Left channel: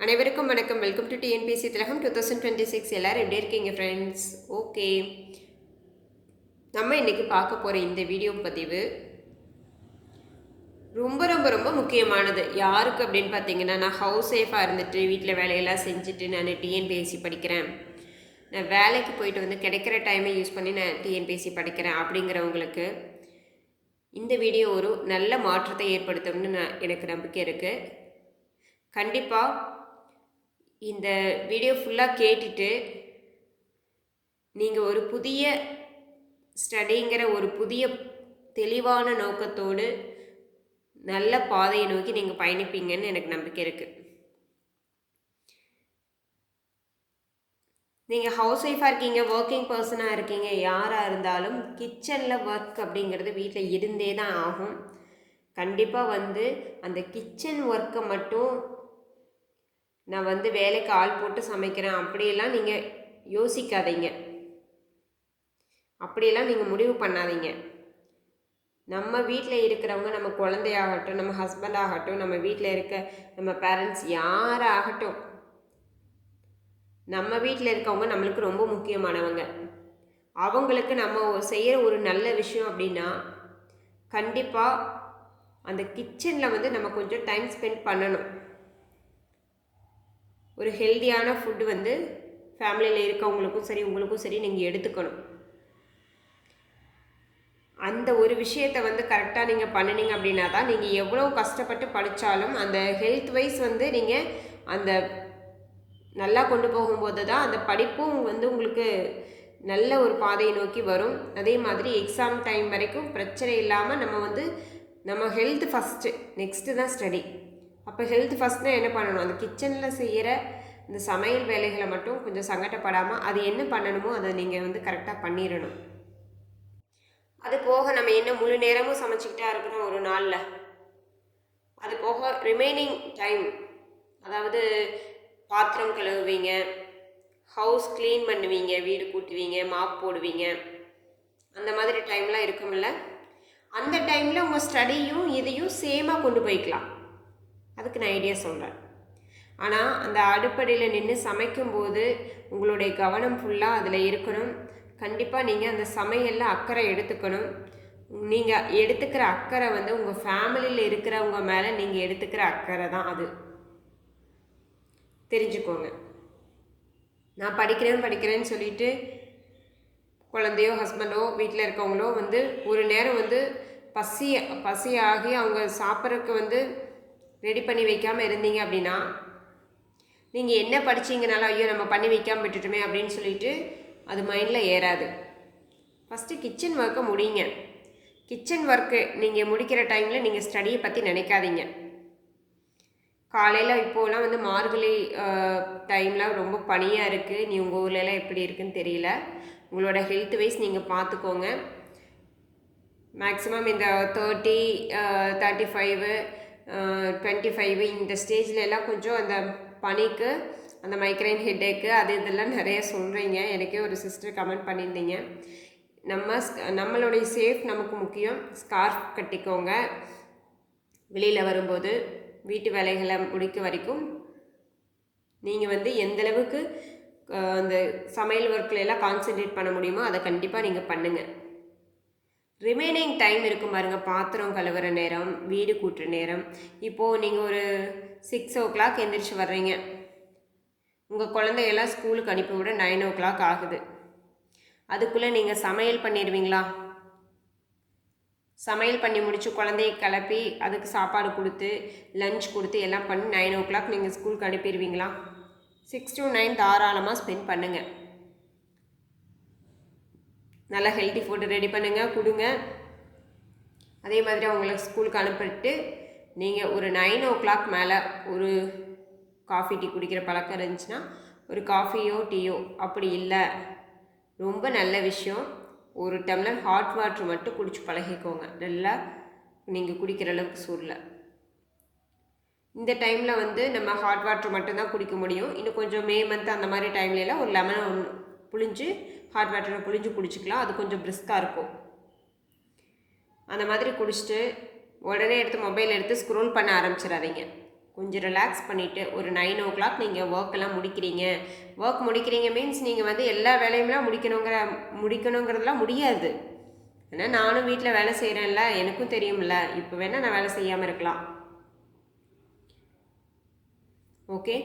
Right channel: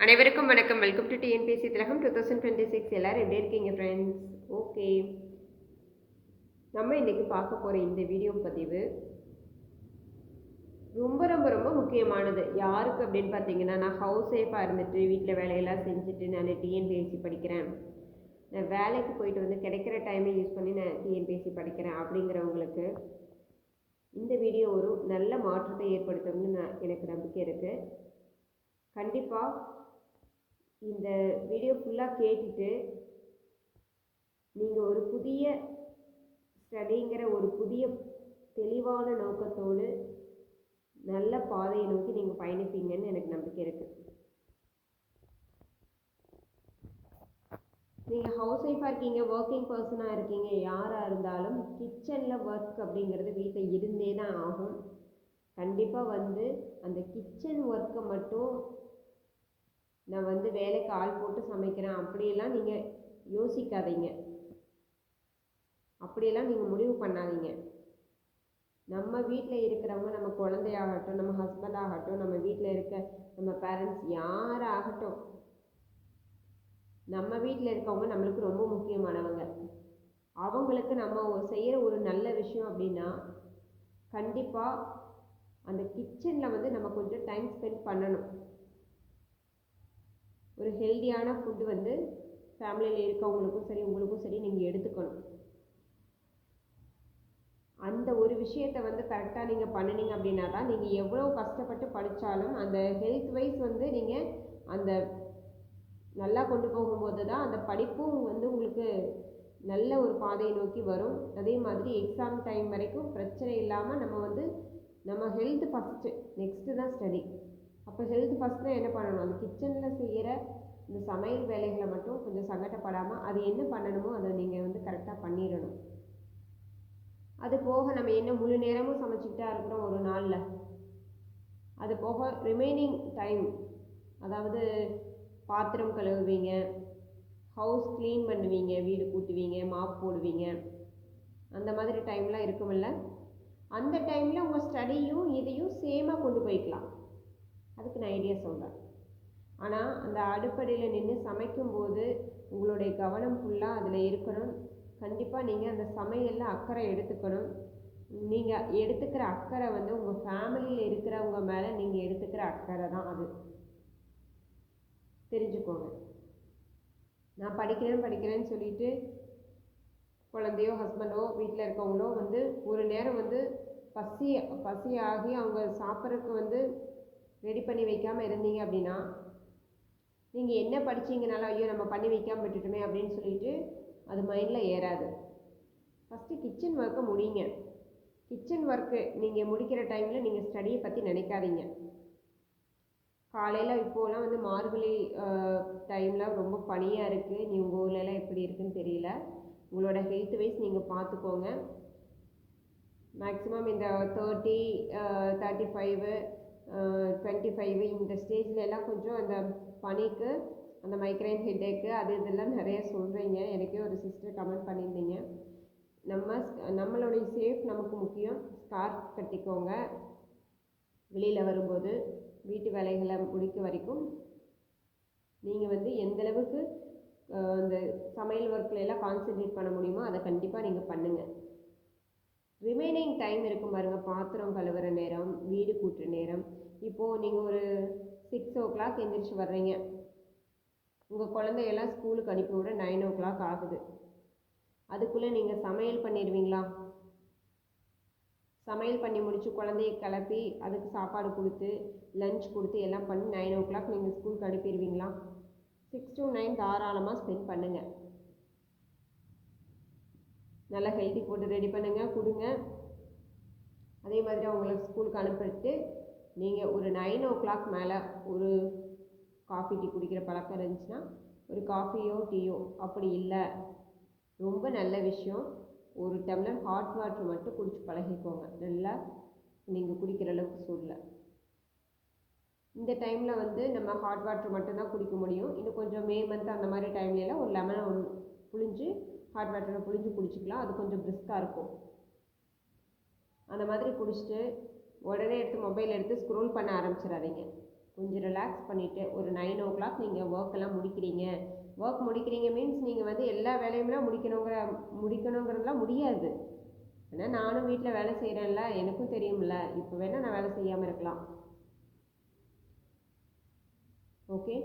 அனைவருக்கும் வணக்கம். Welcome to TNPSC Thilagam two thousand twenty six எல்லோரும் எப்படி இருக்கீங்க ஃப்ரெண்ட்ஸ் ஓகே நம்ம இன்றைக்கி பார்க்க போகிற இந்த வீடியோ பதிவு ரொம்ப ரொம்ப ரொம்ப முக்கியமானது. யாருக்கு அப்படின்னு பார்த்தீங்கன்னா நான் ஹவுஸ் ஒய்ஃபாக இருந்துட்டு வீட்டில் வேலையெல்லாம் செஞ்சுட்டு நான் டிஎன்பிஎஸ்சி படிக்கிறேன். நான் வேலைக்கு போயிட்டு வந்து கிடைக்கிற டைமை யூஸ் பண்ணி நான் டிஎன்பிஎஸ்சி படிக்கிறேன் அப்படிங்கிறவங்களுக்கு இந்த வீடியோ ஒரு நல்ல மாற்றத்தை ஏற்படுத்தும்னு நான் எனக்கு நம்பிக்கை இருக்குது கண்டிப்பாக இந்த வீடியோ ஃபுல்லாக கேட்டுட்டு நீங்கள் ஒரு புதிய ஸ்டடிங்கிற ஒரு புதிய தெளிவான நோக்கத்தோடு நல்ல பாதையை நோக்கி நீங்கள் பயணிப்பீங்கன்னு எனக்கு நம்பிக்கை இருக்குது நீங்கள் ஹவுஸ் ஒய்ஃபாக இருக்கீங்க ஒர்க்கிங் பர்சனாக இருக்கீங்க யாராக இருந்தாலும் கிச்சனில் ஒர்க் அப்படிங்கிறது வீட்டில் இருந்தே தான் ஆகும். கண்டிப்பாக வந்து அந்த கிச்சன் ஒர்க்கை மட்டும் நான் வந்து வேலைக்கு ஆள் போட்டு சமைக்கிறேன். அப்படியெல்லாம் நீங்கள் யோசிக்காதீங்க. அப்படியெல்லாம் நீங்கள் முடிவு பண்ணாதீங்க. நம்ம வீட்டில் இருக்கிறவங்க நம்ம குழந்தையாகட்டும் நம்ம ஹஸ்பண்ட் ஆகட்டும் நம்ம வீட்டில் இருக்க நம்ம பேரண்ட்ஸ் யாராகட்டும் நம்ம வீட்டில் இருக்கவங்க நம்மளுக்கு ரொம்ப முக்கியமானவங்க. அவங்களுக்கு நம்ம செய்கிற ஒரு நல்ல விஷயம் அப்படின்னா கண்டிப்பாக அந்த கிச்சனில் வந்து நம்ம கொஞ்சம் டைம் ஸ்பெண்ட் பண்ணணும். ஒரு ஹெல்த்தியான ஃபுட்டு வந்து ஃபேமிலியில் இருக்கவங்களுக்கும் சரி உங்களுக்கும் சரி நீங்கள் எடுத்துக்கணும். அந்த ஒரு விஷயத்தை வந்து கரெக்டாக நீங்கள் பண்ணினீங்க அப்படின்னா தான் நீங்கள் எவ்வளோ கஷ்டப்பட்டு படித்தாலும் அந்த ஹெல்த் வைஸ் வந்து நீங்கள் அந்த நல்லா கொண்டு போகும்போது தான் அந்த படிப்பும் வந்து உங்களுக்கு நல்ல ஒரு பாதையை நோக்கி வரும். அதே மாதிரி எக்ஸாம் டைம் வரைக்கும் பிரச்சனை இல்லாமல் நம்ம வந்து நம்ம ஹெல்த் ஃபஸ்ட்டு நெக்ஸ்ட்டு தான் ஸ்டடி அப்போ ஹெல்த் ஃபஸ்ட்னா என்ன பண்ணணும்? அந்த கிச்சனில் செய்கிற இந்த சமையல் வேலைகளை மட்டும் கொஞ்சம் சங்கடப்படாமல் அது என்ன பண்ணணுமோ அதை நீங்கள் வந்து கரெக்டாக பண்ணிடணும். அது போக நம்ம என்ன முழு நேரமும் சமைச்சிக்கிட்டா இருக்கிறோம் ஒரு நாளில்? அது போக ரிமைனிங் டைம் அதாவது பாத்திரம் கழுவுவீங்க ஹவுஸ் க்ளீன் பண்ணுவீங்க வீடு கூட்டுவீங்க மாப் போடுவீங்க. அந்த மாதிரி டைம்லாம் இருக்குமில்ல அந்த டைமில் உங்கள் ஸ்டடியும் இதையும் சேமாக கொண்டு போய்க்கலாம். அதுக்கு நான் ஐடியா சொல்கிறேன் ஆனால் அந்த அடுப்படியில் நின்று சமைக்கும்போது உங்களுடைய கவனம் ஃபுல்லாக அதில் இருக்கணும். கண்டிப்பாக நீங்கள் அந்த சமையலில் அக்கறை எடுத்துக்கணும். நீங்கள் எடுத்துக்கிற அக்கறை வந்து உங்கள் ஃபேமிலியில் இருக்கிறவங்க மேலே நீங்கள் எடுத்துக்கிற அக்கறை தான் அது. தெரிஞ்சுக்கோங்க. நான் படிக்கிறேன் படிக்கிறேன்னு சொல்லிட்டு குழந்தையோ ஹஸ்பண்டோ வீட்டில் இருக்கவங்களோ வந்து ஒரு நேரம் வந்து பசி பசி ஆகி அவங்க சாப்பிட்றதுக்கு வந்து ரெடி பண்ணி வைக்காமல் இருந்தீங்க அப்படின்னா நீங்கள் என்ன படிச்சிங்கனாலும் ஐயோ நம்ம பண்ணி வைக்காமல் விட்டுட்டுமே அப்படின்னு சொல்லிட்டு அது மைண்டில் ஏறாது. ஃபஸ்ட்டு கிச்சன் ஒர்க்கை முடியுங்க கிச்சன் ஒர்க்கு நீங்கள் முடிக்கிற டைமில் நீங்கள் ஸ்டடியை பற்றி நினைக்காதீங்க. காலையில் இப்போலாம் வந்து மார்கழி டைமில் ரொம்ப பனியாக இருக்குது நீ உங்கள் ஊர்லலாம் எப்படி இருக்குன்னு தெரியல. உங்களோட ஹெல்த் வைஸ் நீங்கள் பார்த்துக்கோங்க மேக்ஸிமம் இந்த thirty thirty five twenty five இந்த ஸ்டேஜில் எல்லாம் கொஞ்சம் அந்த பனிக்கு அந்த மைக்ரைன் ஹெட்டேக்கு அது இதெல்லாம் நிறைய சொல்கிறீங்க எனக்கே ஒரு சிஸ்டர் கமெண்ட் பண்ணியிருந்தீங்க. நம்ம நம்மளுடைய சேஃப் நமக்கு முக்கியம். ஸ்கார்ஃப் கட்டிக்கோங்க. வெளியில் வரும்போது வீட்டு வேலைகளை முடிக்க வரைக்கும். நீங்கள் வந்து எந்தளவுக்கு அந்த சமையல் ஒர்க்கில் எல்லாம் கான்சென்ட்ரேட் பண்ண முடியுமோ அதை கண்டிப்பாக நீங்கள் பண்ணுங்கள் ரிமைனிங் டைம் இருக்கும் பாருங்கள் பாத்திரம் கழுவுற நேரம் வீடு கூட்டுற நேரம். இப்போது நீங்கள் ஒரு சிக்ஸ் ஓ கிளாக் எந்திரிச்சு வர்றீங்க. உங்கள் குழந்தையெல்லாம் ஸ்கூலுக்கு அனுப்பிவிட நைன் ஓ கிளாக் ஆகுது. அதுக்குள்ளே நீங்கள் சமையல் பண்ணிடுவீங்களா? சமையல் பண்ணி முடித்து குழந்தைய கிளப்பி அதுக்கு சாப்பாடு கொடுத்து லஞ்ச் கொடுத்து எல்லாம் பண்ணி நைன் ஓ கிளாக் நீங்கள் ஸ்கூலுக்கு அனுப்பிடுவீங்களா? சிக்ஸ் டு நைன் தாராளமாக ஸ்பெண்ட் பண்ணுங்கள் நல்லா ஹெல்த்தி ஃபுட்டு ரெடி பண்ணுங்கள் கொடுங்க. அதே மாதிரி அவங்கள ஸ்கூலுக்கு அனுப்பிட்டு நீங்கள் ஒரு நைன் ஓ கிளாக் மேலே ஒரு காஃபி டீ குடிக்கிற பழக்கம் இருந்துச்சுன்னா ஒரு காஃபியோ டீயோ அப்படி இல்லை. ரொம்ப நல்ல விஷயம். ஒரு டம்ளர் ஹாட் வாட்ரு மட்டும் குடிச்சு பழகிக்கோங்க. நல்லா நீங்கள் குடிக்கிற அளவுக்கு சூரில் இந்த டைமில் வந்து நம்ம ஹாட் வாட்ரு மட்டும்தான் குடிக்க முடியும். இன்னும் கொஞ்சம் மே மந்த் அந்த மாதிரி டைம்லலாம் ஒரு லெமன் ஒன்று புழிஞ்சு ஹாட் வாட்டரை புளிஞ்சு குடிச்சிக்கலாம். அது கொஞ்சம் பிரிஸ்காக இருக்கும். அந்த மாதிரி குடிச்சிட்டு உடனே எடுத்து மொபைல் எடுத்து ஸ்க்ரோல் பண்ண ஆரம்பிச்சிடாதீங்க. கொஞ்சம் ரிலாக்ஸ் பண்ணிவிட்டு ஒரு நைன் ஓ கிளாக் நீங்கள் ஒர்க்கெல்லாம் முடிக்கிறீங்க. ஒர்க் முடிக்கிறீங்க மீன்ஸ் நீங்கள் வந்து எல்லா வேலையும்லாம் முடிக்கணுங்கிற முடிக்கணுங்கிறதுலாம் முடியாது. ஏன்னா நானும் வீட்டில் வேலை செய்கிறேன்ல எனக்கும் தெரியும்ல. இப்போ வேணால் நான் வேலை செய்யாமல் இருக்கலாம். ஓகே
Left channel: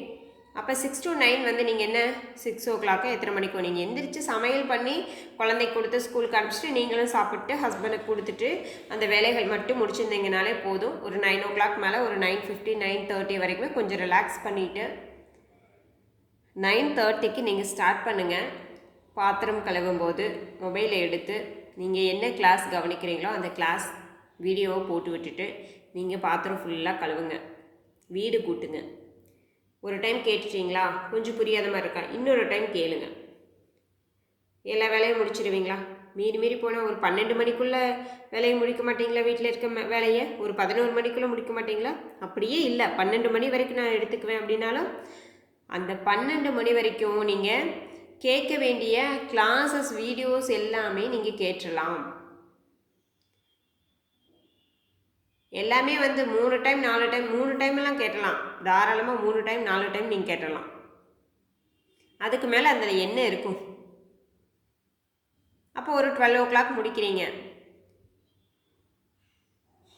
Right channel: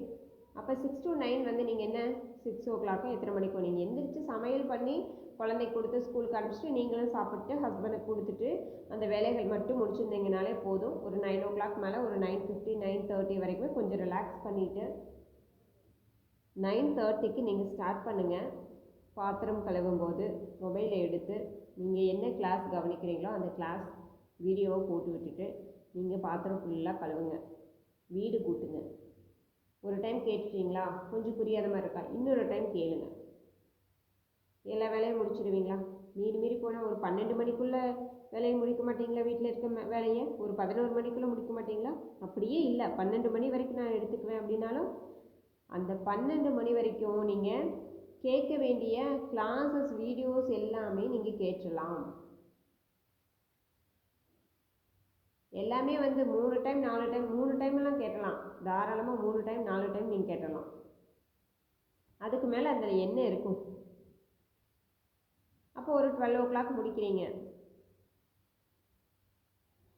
அப்போ சிக்ஸ் டு நைன் வந்து நீங்கள் என்ன? சிக்ஸ் ஓ கிளாக்கு எத்தனை மணிக்கு நீங்கள் எந்திரிச்சு சமையல் பண்ணி குழந்தைக்கு கொடுத்து ஸ்கூலுக்கு அனுப்பிச்சிட்டு நீங்களும் சாப்பிட்டு ஹஸ்பண்டுக்கு கொடுத்துட்டு அந்த வேலைகள் மட்டும் முடிச்சிருந்தீங்கனாலே போதும். ஒரு நைன் ஓ கிளாக் மேலே ஒரு நைன் ஃபிஃப்டி நைன் தேர்ட்டி வரைக்குமே கொஞ்சம் ரிலாக்ஸ் பண்ணிவிட்டு நைன் தேர்ட்டிக்கு நீங்கள் ஸ்டார்ட் பண்ணுங்கள் பாத்திரம் கழுவும் போது மொபைலை எடுத்து நீங்கள் என்ன கிளாஸ் கவனிக்கிறீங்களோ அந்த கிளாஸ் வீடியோவை போட்டு விட்டுட்டு நீங்கள் பாத்திரம் ஃபுல்லாக கழுவுங்க. வீடு கூட்டுங்க. ஒரு டைம் கேட்டுட்டீங்களா? கொஞ்சம் புரியாத மாதிரி இருக்கா? இன்னொரு டைம் கேளுங்க. எல்லா வேலையும் முடிச்சிடுவீங்களா மீறி மீறி போனால் ஒரு பன்னெண்டு மணிக்குள்ளே வேலையை முடிக்க மாட்டீங்களா? வீட்டில் இருக்க வேலையை? ஒரு பதினோரு மணிக்குள்ளே முடிக்க மாட்டீங்களா? அப்படியே இல்லை. பன்னெண்டு மணி வரைக்கும் நான் எடுத்துக்குவேன் அப்படின்னாலும் அந்த பன்னெண்டு மணி வரைக்கும் நீங்கள் கேட்க வேண்டிய கிளாஸஸ் வீடியோஸ் எல்லாமே நீங்கள் கேட்டுடலாம் எல்லாமே வந்து மூணு டைம் நாலு டைம் மூணு டைம் எல்லாம் கேட்டலாம். தாராளமாக மூணு டைம் நாலு டைம் நீங்கள் கேட்டலாம். அதுக்கு மேலே அதில் என்ன இருக்கும்? அப்போ ஒரு டுவெல் ஓ கிளாக் முடிக்கிறீங்க.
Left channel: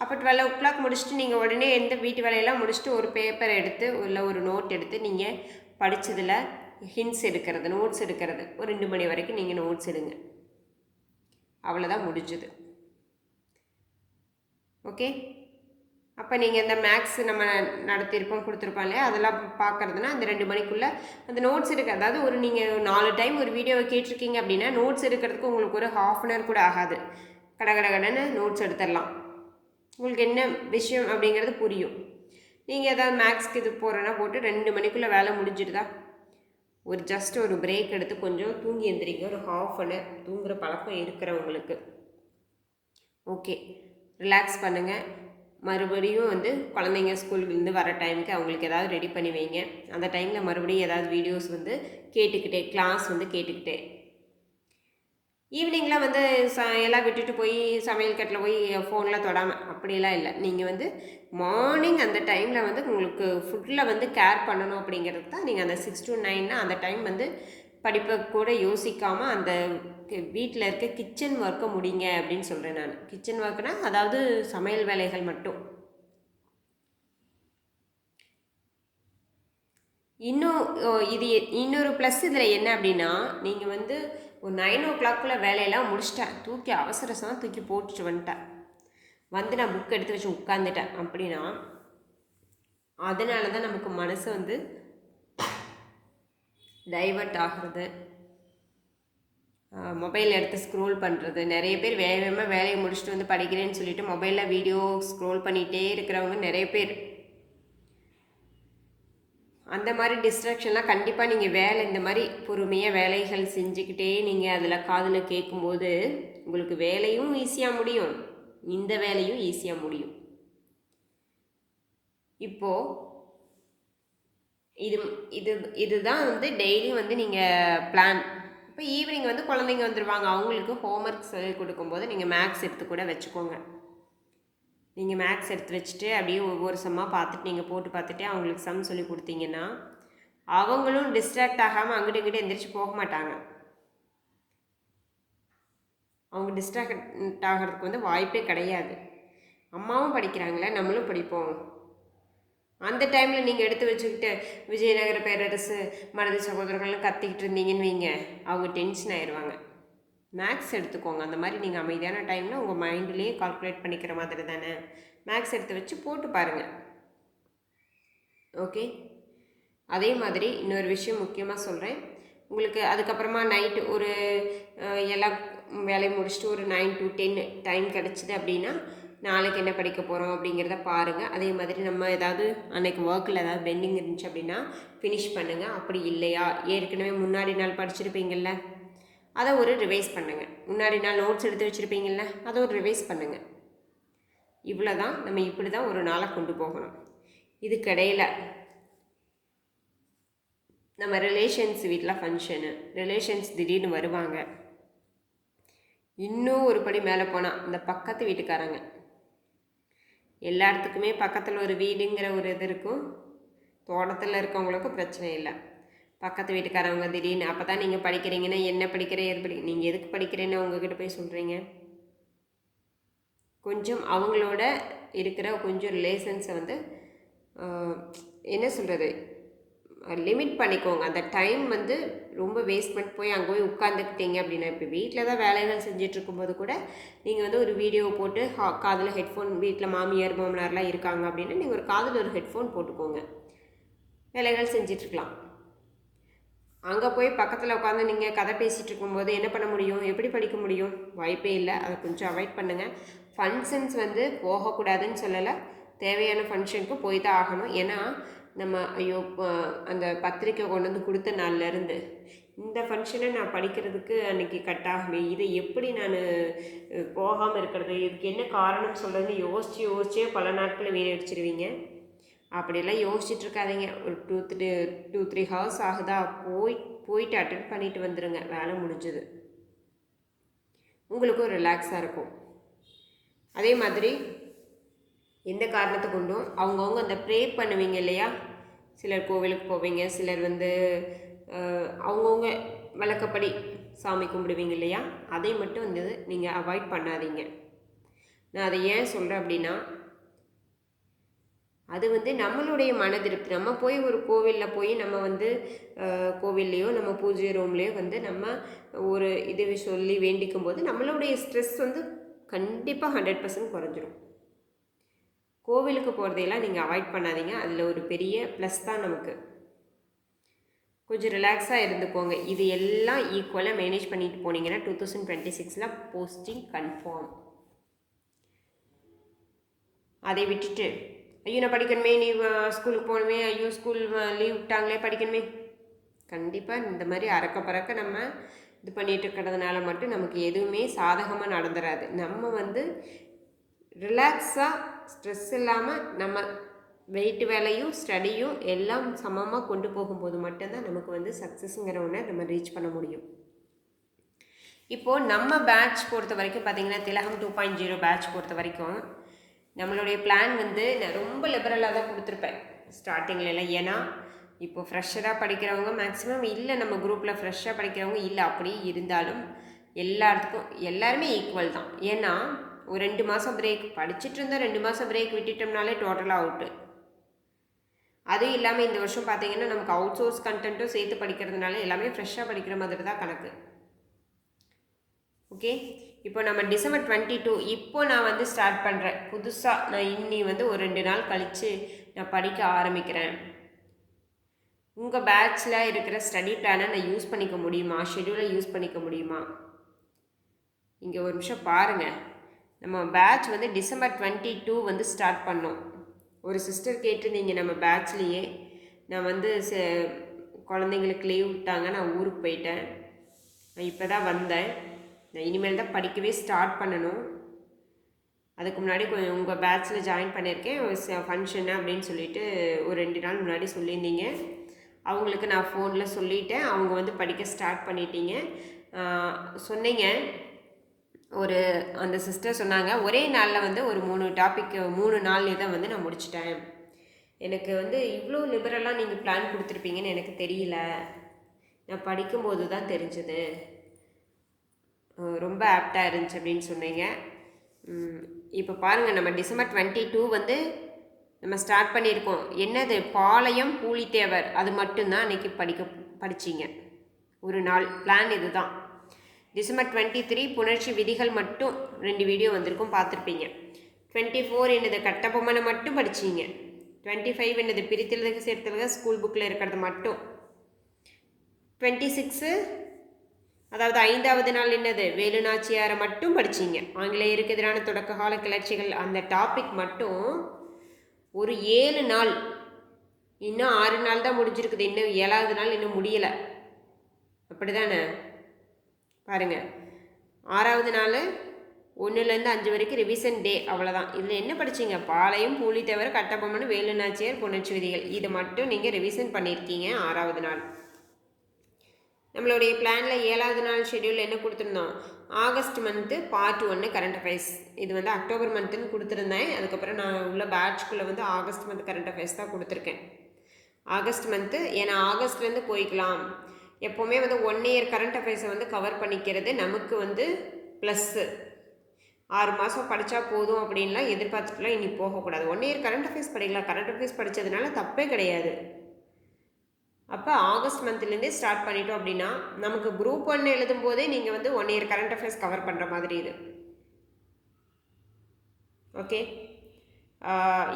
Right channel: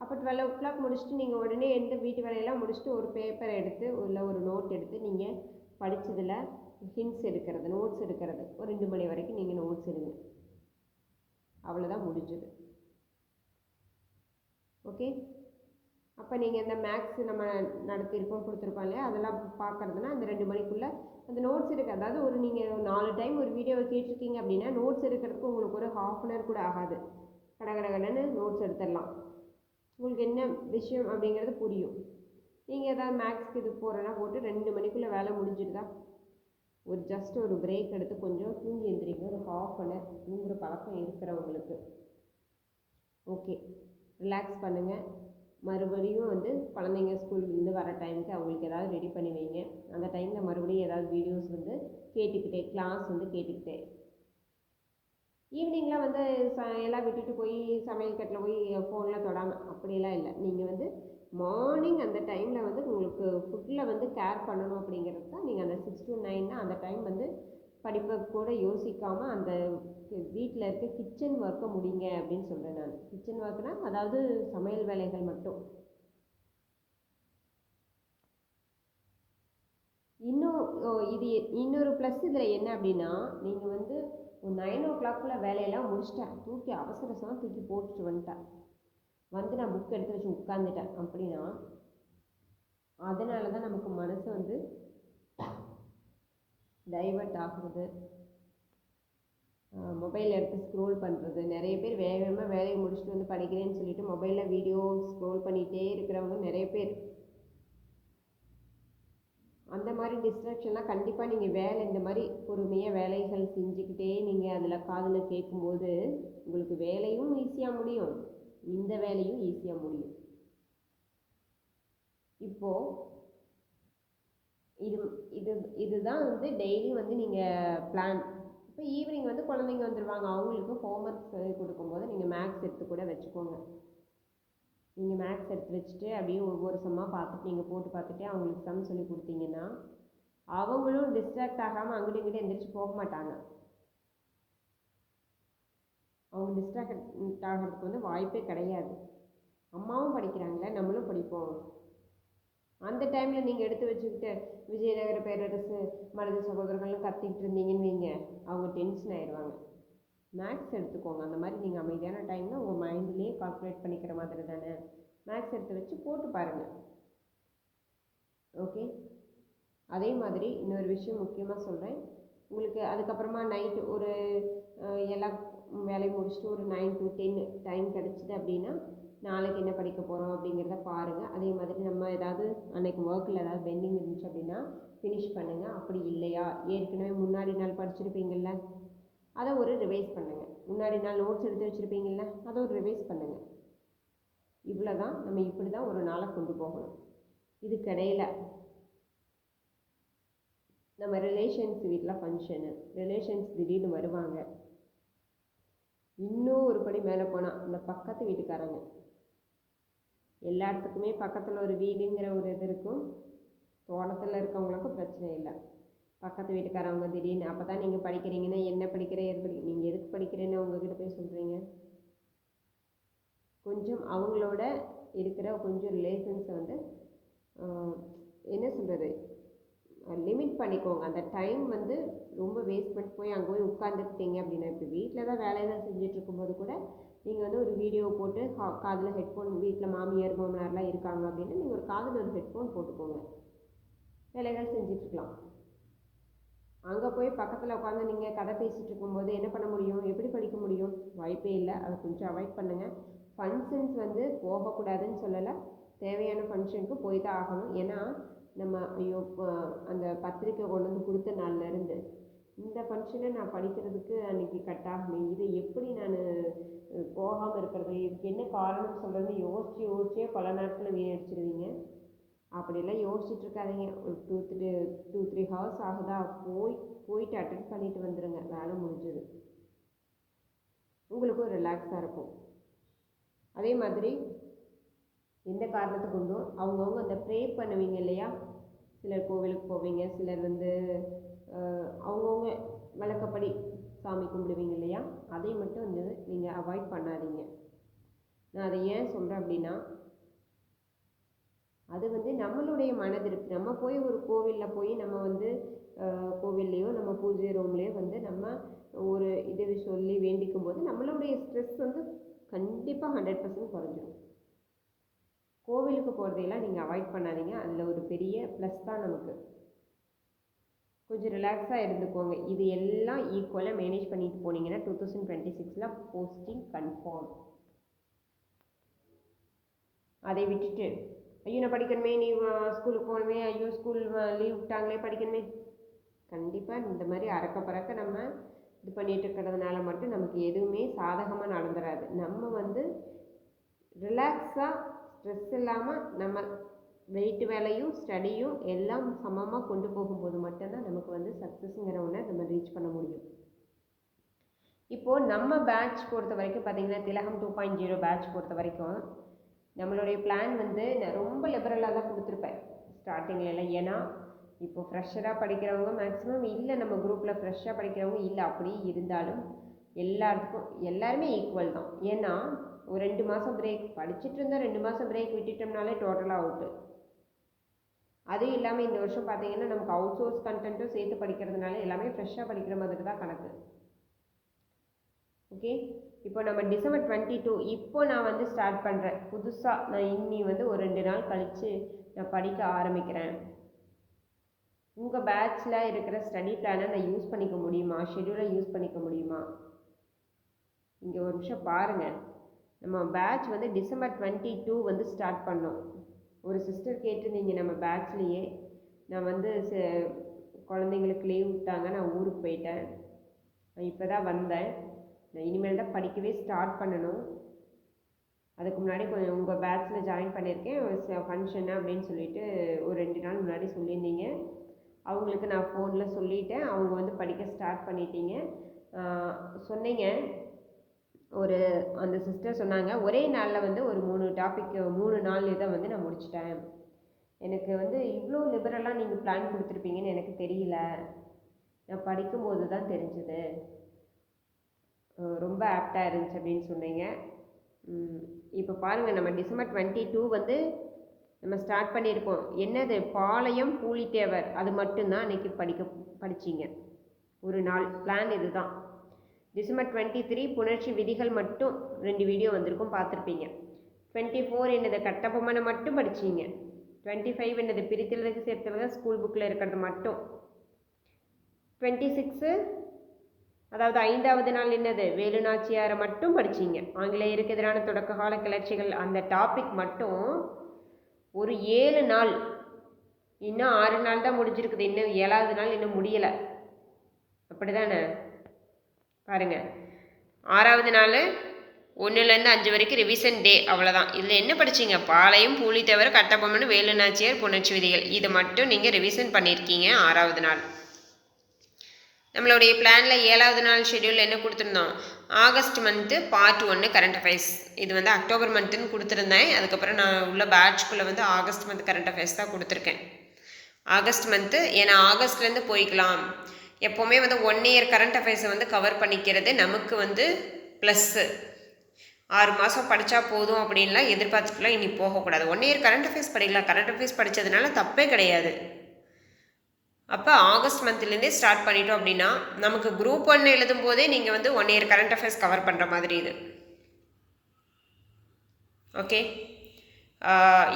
அப்போ டுவெல் ஓ கிளாக் முடிச்சுட்டு நீங்கள் உடனே எந்த வீட்டு வேலையெல்லாம் முடிச்சுட்டு ஒரு பேப்பர் எடுத்து இல்லை ஒரு நோட் எடுத்து நீங்கள் படித்ததில் ஹிண்ட்ஸ் எடுக்கிறது நோட்ஸ் எடுக்கிறது. ஒரு ரெண்டு மணி வரைக்கும் நீங்கள் நோட்ஸ் எடுங்க. அவ்வளோதான் முடிஞ்சது. ஓகே அப்போ நீங்கள் இந்த மேக்ஸ் நம்ம நடத்தியிருப்போம் கொடுத்துருப்போம் இல்லையா? அதெல்லாம் பார்க்குறதுனா அந்த ரெண்டு மணிக்குள்ளே அந்த நோட்ஸ் எடுக்க அதாவது ஒரு நீங்கள் நாலு டைம் ஒரு வீடியோவை கேட்டிருக்கீங்க அப்படின்னா நோட்ஸ் எடுக்கிறதுக்கு உங்களுக்கு ஒரு ஹாஃப் அன் ஹவர் கூட ஆகாது. கட கட கடன்னு நோட்ஸ் எடுத்துடலாம். உங்களுக்கு என்ன விஷயம் அப்படிங்கிறது புரியும். நீங்கள் ஏதாவது மேக்ஸ்க்கு இது போகிறேன்னா போட்டு ரெண்டு மணிக்குள்ளே வேலை முடிஞ்சிடுதா? ஒரு ஜஸ்ட் ஒரு பிரேக் எடுத்து கொஞ்சம் தூங்கி எந்திரிங்க. ஒரு ஹாஃப் அன் ஹவர் தூங்குகிற பழக்கம் இருக்கிறவங்களுக்கு. ஓகே ரிலாக்ஸ் பண்ணுங்கள் மறுபடியும் வந்து குழந்தைங்க ஸ்கூல்லேருந்து வர டைமுக்கு அவங்களுக்கு ஏதாவது ரெடி பண்ணி வைங்க. அந்த டைமில் மறுபடியும் ஏதாவது வீடியோஸ் வந்து கேட்டுக்கிட்டே கிளாஸ் வந்து கேட்டுக்கிட்டே. ஈவினிங்லாம் வந்து ச எல்லாம் விட்டுட்டு போய் சமையல் கட்டில் போய் ஃபோன்லாம் தொடாமல் அப்படிலாம் இல்லை. நீங்கள் வந்து மார்னிங் அந்த டைமில் வந்து உங்களுக்கு ஃபுட்டில் வந்து கேர் பண்ணணும் அப்படிங்கிறது தான் நீங்கள் அந்த சிக்ஸ் டு நைன்னா அந்த டைம் வந்து படிப்பை கூட யோசிக்காமல் அந்த வீட்டில் இருக்க கிச்சன் ஒர்க்கை முடிங்க அப்படின்னு சொல்கிறேன் நான். கிச்சன் ஒர்க்குனா அதாவது சமையல் வேலைகள் மட்டும். இன்னும் இது இன்னொரு ப்ளஸ் இதில் என்ன அப்படின்னா நீங்கள் வந்து ஒரு நைன் ஓ கிளாக்குள்ளே வேலையெல்லாம் முடிச்சிட்டேன். தூக்கி அவசரசமாக தூக்கி போட்டுட்டு வந்துட்டேன். வந்து நான் புக் எடுத்து வச்சு உட்காந்துட்டேன் அப்படின்னா அதனால தான் நமக்கு மனசு வந்து டைவர்ட் ஆகிறது. மொபைல் எடுத்து ஸ்க்ரோல் பண்ணுறது நிறைய பேர் வேக வேகமாக வேலையை முடிச்சுட்டு வந்து படிக்கிறேன்னு சொல்லிட்டு மொபைலில் வீடியோ ஸ்க்ரோல் பண்ணிகிட்டே இருக்கிறவங்க நிறைய பேர். அந்த மாதிரி டிஸ்ட்ராக்ஷன்லாம் கண்டிப்பாக நீங்கள் வேலை இந்த மாதிரி பொறுமையாக வேலைகள் செஞ்சுக்கிட்டே நீங்கள் அதில் காதில் கேட்கும்போது உங்களுக்கு வேலையும் ஈஸியாக முடியும். இந்த வேலையும் ஈஸியாக முடியும். இப்போது இது இது இதுதான் வந்து டெய்லி வந்து நீங்கள் பிளான் இப்போ ஈவினிங் வந்து குழந்தைங்க வந்துடுவாங்க அவங்களுக்கு ஹோம்ஒர்க் சொல்லி கொடுக்கும்போது நீங்கள் மேக்ஸ் எடுத்து கூட வச்சுக்கோங்க. நீங்கள் மேக்ஸ் எடுத்து வச்சுட்டு அப்படியே ஒவ்வொரு சம்மாக பார்த்துட்டு நீங்கள் போட்டு பார்த்துட்டு அவங்களுக்கு சம் சொல்லி கொடுத்தீங்கன்னா அவங்களும் டிஸ்ட்ராக்ட் ஆகாமல் அங்கிட்டு இங்கிட்டு எந்திரிச்சு போக மாட்டாங்க. அவங்க டிஸ்ட்ராக்ட் ஆகிறதுக்கு வந்து வாய்ப்பே கிடையாது. அம்மாவும் படிக்கிறாங்களே நம்மளும் படிப்போம். அந்த டைமில் நீங்கள் எடுத்து வச்சுக்கிட்டு விஜயநகர பேரரசு மனது சகோதரர்கள்லாம் கத்திக்கிட்டு இருந்தீங்கன்னு வைங்க. அவங்க டென்ஷன் ஆயிடுவாங்க மேக்ஸ் எடுத்துக்கோங்க. அந்த மாதிரி நீங்கள் அமைதியான டைமில் உங்கள் மைண்ட்லேயே கால்குலேட் பண்ணிக்கிற மாதிரி தானே. மேக்ஸ் எடுத்து வச்சு போட்டு பாருங்கள் ஓகே அதே மாதிரி இன்னொரு விஷயம் முக்கியமாக சொல்கிறேன் உங்களுக்கு அதுக்கப்புறமா நைட்டு ஒரு எல்லா வேலையை முடிச்சுட்டு ஒரு நைன் டு டென் டைம் கிடச்சிது அப்படின்னா நாளைக்கு என்ன படிக்க போகிறோம் அப்படிங்கிறத பாருங்கள் அதே மாதிரி நம்ம ஏதாவது அன்றைக்கி ஒர்க்கில் ஏதாவது பெண்டிங் இருந்துச்சு அப்படின்னா ஃபினிஷ் பண்ணுங்கள் அப்படி இல்லையா? ஏற்கனவே முன்னாடி நாள் படிச்சிருப்பீங்கள்ல அதை ஒரு ரிவைஸ் பண்ணுங்கள் முன்னாடி நாள் நோட்ஸ் எடுத்து வச்சுருப்பீங்கள்ல அதை ஒரு ரிவைஸ் பண்ணுங்கள் இவ்வளோ தான் நம்ம இப்படி தான் ஒரு நாளை கொண்டு போகணும். இதுக்கிடையில் நம்ம ரிலேஷன்ஸ் வீட்டில் ஃபங்க்ஷனு ரிலேஷன்ஸ் திடீர்னு வருவாங்க. இன்னும் ஒரு படி மேலே போனால் இந்த பக்கத்து வீட்டுக்காரங்க எல்லா இடத்துக்குமே பக்கத்தில் ஒரு வீடுங்கிற ஒரு இது இருக்கும். தோட்டத்தில் இருக்கவங்களுக்கு பிரச்சனை இல்லை. பக்கத்து வீட்டுக்காரவங்க திடீர்னு அப்போ தான் நீங்கள் படிக்கிறீங்கன்னா என்ன படிக்கிற எது படி நீங்கள் எதுக்கு படிக்கிறேன்னு உங்ககிட்ட போய் சொல்கிறீங்க கொஞ்சம் அவங்களோட இருக்கிற கொஞ்சம் ரிலேஷன்ஸை வந்து என்ன சொல்கிறது லிமிட் பண்ணிக்கோங்க. அந்த டைம் வந்து ரொம்ப வேஸ்ட் பண்ணிட்டு போய் அங்கே போய் உட்காந்துக்கிட்டீங்க அப்படின்னா இப்போ வீட்டில் தான் வேலைகள் செஞ்சுட்டு இருக்கும்போது கூட நீங்கள் வந்து ஒரு வீடியோ போட்டு ஹா- காதில் ஹெட்ஃபோன் வீட்டில் மாமியார் மாமனார்லாம் இருக்காங்க அப்படின்னா நீங்கள் ஒரு காதில் ஒரு ஹெட்ஃபோன் போட்டுக்கோங்க. வேலைகள் செஞ்சிட்ருக்கலாம் அங்கே போய் பக்கத்தில் உட்காந்து நீங்கள் கதை பேசிகிட்டு இருக்கும்போது என்ன பண்ண முடியும்? எப்படி படிக்க முடியும்? வாய்ப்பே இல்லை. அதை கொஞ்சம் அவாய்ட் பண்ணுங்கள் ஃபங்க்ஷன்ஸ் வந்து போகக்கூடாதுன்னு சொல்லலை. தேவையான ஃபங்க்ஷனுக்கு போய் தான் ஆகணும். ஏன்னா நம்ம ஐயோ அந்த பத்திரிக்கை கொண்டு வந்து கொடுத்த நாள்லேருந்து இந்த ஃபங்க்ஷனை நான் படிக்கிறதுக்கு அன்றைக்கி கட் ஆகுமே இதை எப்படி நான் போகாமல் இருக்கிறது? இதுக்கு என்ன காரணம் சொல்கிறதுன்னு யோசித்து யோசிச்சே பல நாட்கள் வீணடிச்சிருவீங்க. அப்படியெல்லாம் யோசிச்சுட்டு இருக்காதீங்க. ஒரு two three two three hours ஆகுதா? போய் போயிட்டு அட்டன் பண்ணிட்டு வந்துடுங்க வேலை முடிஞ்சது. உங்களுக்கும் ரிலாக்ஸாக இருக்கும். அதே மாதிரி எந்த காரணத்தை கொண்டும் அவங்கவுங்க அந்த ப்ரே பண்ணுவீங்க இல்லையா? சிலர் கோவிலுக்கு போவீங்க சிலர் வந்து அவங்கவுங்க வழக்கப்படி சாமி கும்பிடுவீங்க இல்லையா? அதை மட்டும் வந்து நீங்கள் அவாய்ட் பண்ணாதீங்க. நான் அதை ஏன் சொல்கிறேன் அப்படின்னா அது வந்து நம்மளுடைய மன திருப்தி நம்ம போய் ஒரு கோவிலில் போய் நம்ம வந்து கோவில்லையோ நம்ம பூஜை ரூம்லேயோ வந்து நம்ம ஒரு இது சொல்லி வேண்டிக்கும் போது நம்மளுடைய ஸ்ட்ரெஸ் வந்து கண்டிப்பாக ஹண்ட்ரட் பர்சன்ட் குறைஞ்சிரும். கோவிலுக்கு போகிறதையெல்லாம் நீங்கள் அவாய்ட் பண்ணாதீங்க. அதில் ஒரு பெரிய ப்ளஸ் தான் நமக்கு. கொஞ்சம் ரிலாக்ஸாக இருந்துக்கோங்க. இது எல்லாம் ஈக்குவலாக மேனேஜ் பண்ணிட்டு போனீங்கன்னா டூ தௌசண்ட் டுவெண்ட்டி சிக்ஸில் போஸ்டிங் கன்ஃபார்ம் அதை விட்டுட்டு ஐயோ நான் படிக்கணுமே நீ ஸ்கூலுக்கு போகணுமே ஐயோ ஸ்கூல் லீவ் விட்டாங்களே படிக்கணுமே. கண்டிப்பாக இந்த மாதிரி அறக்க பறக்க நம்ம இது பண்ணிட்டு இருக்கிறதுனால மட்டும் நமக்கு எதுவுமே சாதகமாக நடந்துடாது நம்ம வந்து ரிலாக்ஸாக ஸ்ட்ரெஸ் இல்லாமல் நம்ம வெயிட் வேலையும் ஸ்டடியும் எல்லாம் சமமாக கொண்டு போகும்போது மட்டும்தான் நமக்கு வந்து சக்ஸஸ்ங்கிற ஒன்றை நம்ம ரீச் பண்ண முடியும். இப்போது நம்ம பேட்ச் பொறுத்த வரைக்கும் பார்த்தீங்கன்னா திலகம் டூ பாயிண்ட் ஜீரோ பேட்ச் பொறுத்த வரைக்கும் நம்மளுடைய பிளான் வந்து நான் ரொம்ப லிபரலாக தான் கொடுத்துருப்பேன். ஸ்டார்டிங்கில் ஏன்னா இப்போ ஃப்ரெஷராக படிக்கிறவங்க மேக்ஸிமம் இல்லை நம்ம குரூப்பில் ஃப்ரெஷ்ஷாக படிக்கிறவங்க இல்லை அப்படி இருந்தாலும் எல்லாத்துக்கும் எல்லாருமே ஈக்குவல் தான். ஏன்னா ஒரு ரெண்டு மாதம் பிரேக் படிச்சுட்டு இருந்தால் ரெண்டு மாதம் பிரேக் விட்டுட்டோம்னாலே டோட்டலாக அவுட்டு அதுவும் இல்லாமல் இந்த வருஷம் பார்த்தீங்கன்னா நமக்கு அவுட் சோர்ஸ் கண்டென்ட்டும் சேர்த்து படிக்கிறதுனால எல்லாமே ஃப்ரெஷ்ஷாக படிக்கிற மாதிரி தான் கணக்கு. ஓகே இப்போ நம்ம டிசம்பர் டுவெண்ட்டி டூ இப்போ நான் வந்து ஸ்டார்ட் பண்ணுறேன் புதுசாக நான் இன்னி வந்து ஒரு ரெண்டு நாள் கழித்து நான் படிக்க ஆரம்பிக்கிறேன். உங்கள் பேட்சில் இருக்கிற ஸ்டடி பிளானை நான் யூஸ் பண்ணிக்க முடியுமா? ஷெடியூலை யூஸ் பண்ணிக்க முடியுமா? இங்கே ஒரு நிமிஷம் பாருங்கள் நம்ம பேட்ச் வந்து டிசம்பர் டுவெண்ட்டி டூ வந்து ஸ்டார்ட் பண்ணோம். ஒரு சிஸ்டர் கேட்டிருந்தீங்க நம்ம பேட்ச்லேயே நான் வந்து ச- குழந்தைங்களுக்கு லீவ் விட்டாங்க நான் ஊருக்கு போயிட்டேன். நான் இப்போ தான் வந்தேன். நான் இனிமேல் தான் படிக்கவே ஸ்டார்ட் பண்ணணும். அதுக்கு முன்னாடி கொஞ்சம் உங்கள் பேட்ச்சில் ஜாயின் பண்ணியிருக்கேன். ஃபங்க்ஷன் அப்படின்னு சொல்லிட்டு ஒரு ரெண்டு நாள் முன்னாடி சொல்லியிருந்தீங்க. அவங்களுக்கு நான் ஃபோனில் சொல்லிட்டேன். அவங்க வந்து படிக்க ஸ்டார்ட் பண்ணிட்டீங்க. சொன்னீங்க. ஒரு அந்த சிஸ்டர் சொன்னாங்க ஒரே நாளில் வந்து ஒரு மூணு டாபிக் மூணு நாள் இதை வந்து நான் முடிச்சிட்டேன். எனக்கு வந்து இவ்வளோ லிபரலாக நீங்கள் பிளான் கொடுத்துருப்பீங்கன்னு எனக்கு தெரியல. நான் படிக்கும்போது தான் தெரிஞ்சது. ரொம்ப ஆப்டாக இருந்துச்சு அப்படின்னு சொன்னீங்க. இப்போ பாருங்கள் நம்ம டிசம்பர் டுவெண்ட்டி டூ வந்து நம்ம ஸ்டார்ட் பண்ணியிருக்கோம். என்னது? பாளையம் பூலித்தேவர். அது மட்டும்தான் அன்றைக்கி படிக்க படிச்சிங்க. ஒரு நாள் பிளான் இதுதான். டிசம்பர் டுவெண்ட்டி த்ரீ புணர்ச்சி விதிகள் மட்டும் ரெண்டு வீடியோ வந்திருக்கும் பார்த்துருப்பீங்க. டுவெண்ட்டி ஃபோர் என்னது கட்டபொம்மனை மட்டும் படிச்சிங்க. டுவெண்ட்டி ஃபைவ் என்னது பிரித்தலுக்கு சேர்த்தலுக ஸ்கூல் புக்கில் இருக்கிறது மட்டும். டுவெண்ட்டி சிக்ஸு அதாவது ஐந்தாவது நாள் என்னது? வேலுநாச்சியாரை மட்டும் படிச்சிங்க. ஆங்கிலேயருக்கு எதிரான தொடக்க கால கிளர்ச்சிகள் அந்த டாபிக் மட்டும் ஒரு ஏழு நாள் இன்னும் ஆறு நாள் தான் முடிஞ்சிருக்குது. இன்னும் ஏழாவது நாள் இன்னும் முடியலை. அப்படி தானே பாருங்கள் ஆறாவது நாள் ஒன்றுலேருந்து அஞ்சு வரைக்கும் ரிவிஷன் டே அவ்வளோதான் இதில் என்ன படிச்சீங்க? பாளையம் தவிர கட்டபொம்மன் வேலுநாச்சியார் புணர்ச்சி விதிகள். இதை மட்டும் நீங்கள் ரிவிஷன் பண்ணியிருக்கீங்க ஆறாவது நாள். நம்மளுடைய பிளானில் ஏழாவது நாள் ஷெட்யூல் என்ன கொடுத்துருந்தோம்? ஆகஸ்ட் மந்த்து பார்ட் ஒன்று கரண்ட் அஃபேர்ஸ் இது வந்து அக்டோபர் மந்த்துன்னு கொடுத்துருந்தேன். அதுக்கப்புறம் நான் உள்ள பேட்ச்குள்ளே வந்து ஆகஸ்ட் மந்த் கரண்ட் அஃபேர்ஸ் தான் கொடுத்துருக்கேன். ஆகஸ்ட் மந்த்து ஏன்னா ஆகஸ்ட்லேருந்து போய்க்கலாம். எப்போவுமே வந்து ஒன் இயர் கரண்ட் அஃபேர்ஸை வந்து கவர் பண்ணிக்கிறது நமக்கு வந்து ப்ளஸ்ஸு ஆறு மாதம் படித்தா போதும் அப்படின்லாம் எதிர்பார்த்துட்டுலாம் இனி போகக்கூடாது. ஒன் இயர் கரண்ட் அஃபேர்ஸ் படிக்கலாம். கரண்ட் அஃபேர்ஸ் படித்ததுனால தப்பே கிடையாது. அப்போ ஆகஸ்ட் மந்த்லேருந்தே ஸ்டார்ட் பண்ணிட்டோம் அப்படின்னா நமக்கு குரூப் ஒன் எழுதும் போதே நீங்கள் வந்து one year current affairs cover பண்ணுற மாதிரி இது. ஓகே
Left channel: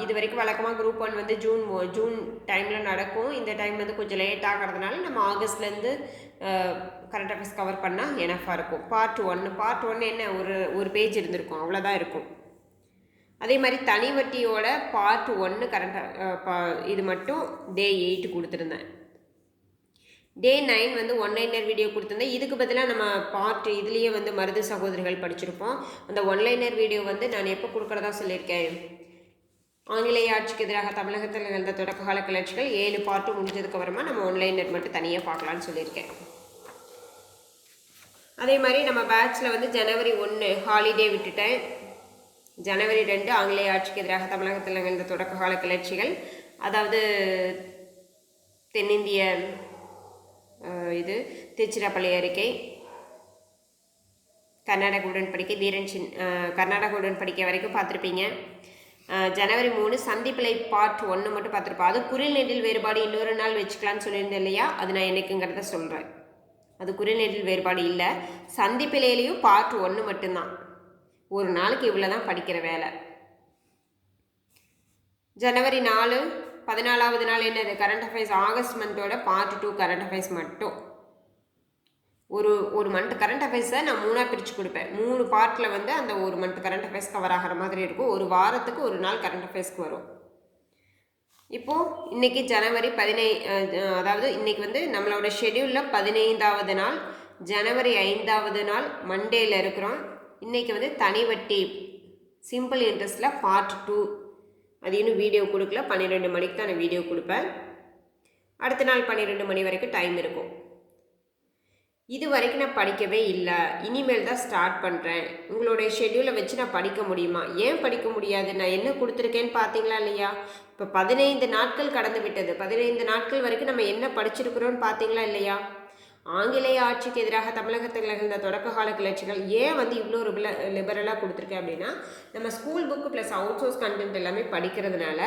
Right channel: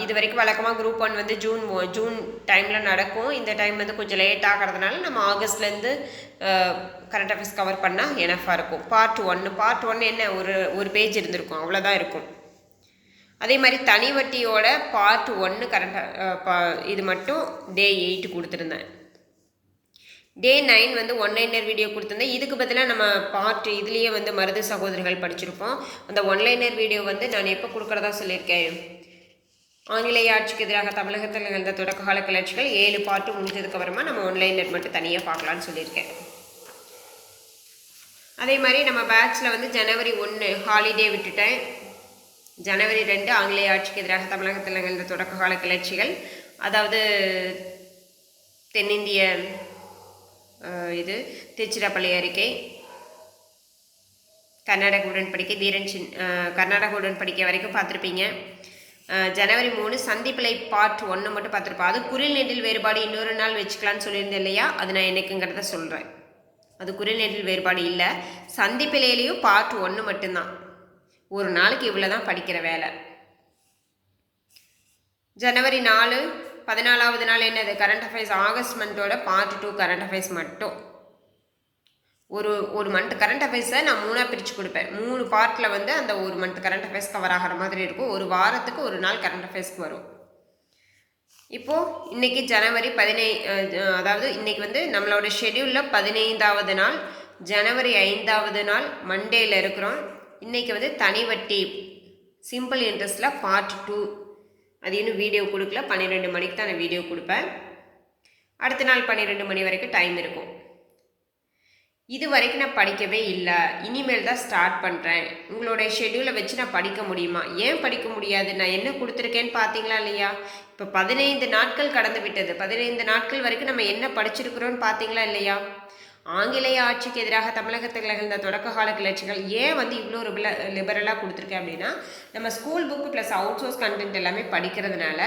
இது வரைக்கும் வழக்கமாக குரூப் ஒன் வந்து ஜூன் ஜூன் டைமில் நடக்கும். இந்த டைம் வந்து கொஞ்சம் லேட் ஆகிறதுனால நம்ம ஆகஸ்ட்லேருந்து கரண்ட் அஃபேர்ஸ் கவர் பண்ணால் எனஃபாக இருக்கும். பார்ட் ஒன்று பார்ட் ஒன்று என்ன ஒரு ஒரு பேஜ் இருந்திருக்கும். அவ்வளோதான் இருக்கும். அதே மாதிரி தனி வட்டியோட பார்ட் ஒன்று கரண்ட் இது மட்டும் டே எயிட் கொடுத்துருந்தேன். டே நைன் வந்து ஒன்லைனர் வீடியோ கொடுத்துருந்தேன். இதுக்கு பதிலாக நம்ம பார்ட் இதுலேயே வந்து மருது சகோதரிகள் படிச்சிருப்போம். அந்த ஒன்லைனர் வீடியோ வந்து நான் எப்போ கொடுக்குறதா சொல்லியிருக்கேன்? ஆங்கிலேய ஆட்சிக்கு எதிராக தமிழகத்தில் நிகழ்ந்த தொடக்க கால கிளர்ச்சிகள் ஏழு பாட்டு முடிஞ்சதுக்கு அப்புறமா நம்ம ஒன்லைனர் மட்டும் தனியாக பார்க்கலான்னு சொல்லியிருக்கேன். அதே மாதிரி நம்ம பேட்சில் வந்து ஜனவரி ஒன்று ஹாலிடே விட்டுட்டேன். ஜனவரி ரெண்டு ஆங்கிலேய ஆட்சிக்கு எதிராக தமிழகத்தில் நிகழ்ந்த தொடக்க கால கிளர்ச்சிகள். அதாவது தென்னிந்திய இது திருச்சிராப்பள்ளி அறிக்கை கர்நாடக உடன்படிக்கை வீரன் சின் கர்நாடக உடன்படிக்கை வரைக்கும் பார்த்துருப்பீங்க. ஜனவரி மூணு சந்திப்பிலை பார்ட் ஒன்று மட்டும் பார்த்துருப்போம். அது குரில் நெடில் வேறுபாடு இன்னொரு நாள் வச்சுக்கலான்னு சொல்லியிருந்தேன் இல்லையா? அது நான் என்னைக்குங்கிறத சொல்கிறேன் அது குரில் நெடில் வேறுபாடு இல்லை. சந்திப்பிலையிலையும் பார்ட் ஒன்று மட்டும்தான். ஒரு நாளைக்கு இவ்வளோ தான் படிக்கிற வேலை. ஜனவரி நாலு பதினாலாவது நாள் என்னது? கரண்ட் அஃபேர்ஸ் ஆகஸ்ட் மந்தோட பார்ட் டூ கரண்ட் அஃபேர்ஸ் மட்டும். ஒரு ஒரு மந்த் கரண்ட் அஃபேர்ஸை நான் மூணாக பிரித்து கொடுப்பேன். மூணு பார்ட்டில் வந்து அந்த ஒரு மந்த் கரண்ட் அஃபேர்ஸ் கவர் ஆகிற மாதிரி இருக்கும். ஒரு வாரத்துக்கு ஒரு நாள் கரண்ட் அஃபேர்ஸ்க்கு வரும். இப்போது இன்றைக்கி ஜனவரி பதினை அதாவது இன்றைக்கி வந்து நம்மளோட ஷெடியூலில் பதினைந்தாவது நாள் ஜனவரி ஐந்தாவது நாள் மண்டேயில் இருக்கிறோம். இன்றைக்கி வந்து தனி வட்டி சிம்பிள் இன்ட்ரெஸ்ட்டில் பார்ட் டூ அது இன்னும் வீடியோ கொடுக்கல. பன்னிரெண்டு மணிக்கு தான் நான் வீடியோ கொடுப்பேன். அடுத்த நாள் பன்னிரெண்டு மணி வரைக்கும் டைம் இருக்கும். இது வரைக்கும் நான் படிக்கவே இல்லை. இனிமேல் தான் ஸ்டார்ட் பண்ணுறேன் உங்களுடைய ஷெடியூலை வச்சு நான் படிக்க முடியுமா? ஏன் படிக்க முடியாது? நான் என்ன கொடுத்துருக்கேன்னு பார்த்தீங்களா இல்லையா? இப்போ பதினைந்து நாட்கள் கடந்து விட்டது. பதினைந்து நாட்கள் வரைக்கும் நம்ம என்ன படிச்சிருக்கிறோன்னு பார்த்தீங்களா இல்லையா? ஆங்கிலேய ஆட்சிக்கு எதிராக தமிழகத்தில் நிகழ்ந்த தொடக்க கால கிளர்ச்சிகள் ஏன் வந்து இவ்வளோ லிபல லிபரலாக கொடுத்துருக்கேன் அப்படின்னா நம்ம school book plus outsource content எல்லாமே படிக்கிறதுனால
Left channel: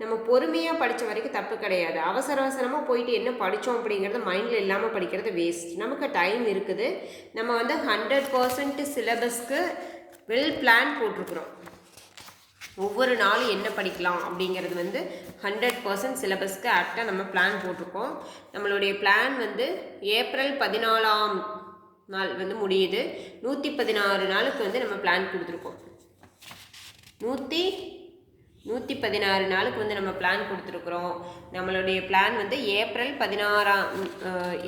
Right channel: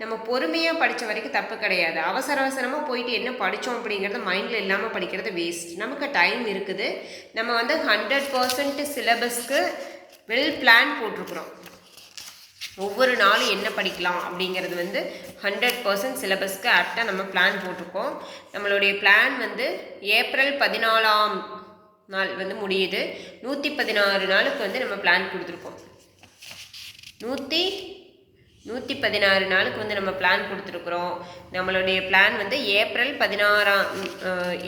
நம்ம பொறுமையாக படித்த வரைக்கும் தப்பு கிடையாது. அவசர அவசரமாக போயிட்டு என்ன படித்தோம் அப்படிங்கிறது மைண்டில் இல்லாமல் படிக்கிறது வேஸ்ட் நமக்கு டைம் இருக்குது. நம்ம வந்து ஹண்ட்ரட் பர்சன்ட் சிலபஸ்க்கு வெல் பிளான் போட்டிருக்குறோம். ஒவ்வொரு நாளும் என்ன படிக்கலாம் அப்படிங்கிறது வந்து ஹண்ட்ரட் பர்சன்ட் சிலபஸ்க்கு ஆக்டாக நம்ம பிளான் போட்டிருக்கோம். நம்மளுடைய பிளான் வந்து ஏப்ரல் பதினாலாம் நாள் வந்து முடியுது. நூற்றி பதினாறு நாளுக்கு வந்து நம்ம பிளான் கொடுத்துருக்கோம். நூற்றி நூற்றி பதினாறு நாளுக்கு வந்து நம்ம பிளான் கொடுத்துருக்குறோம். நம்மளுடைய பிளான் வந்து ஏப்ரல் பதினாறாம்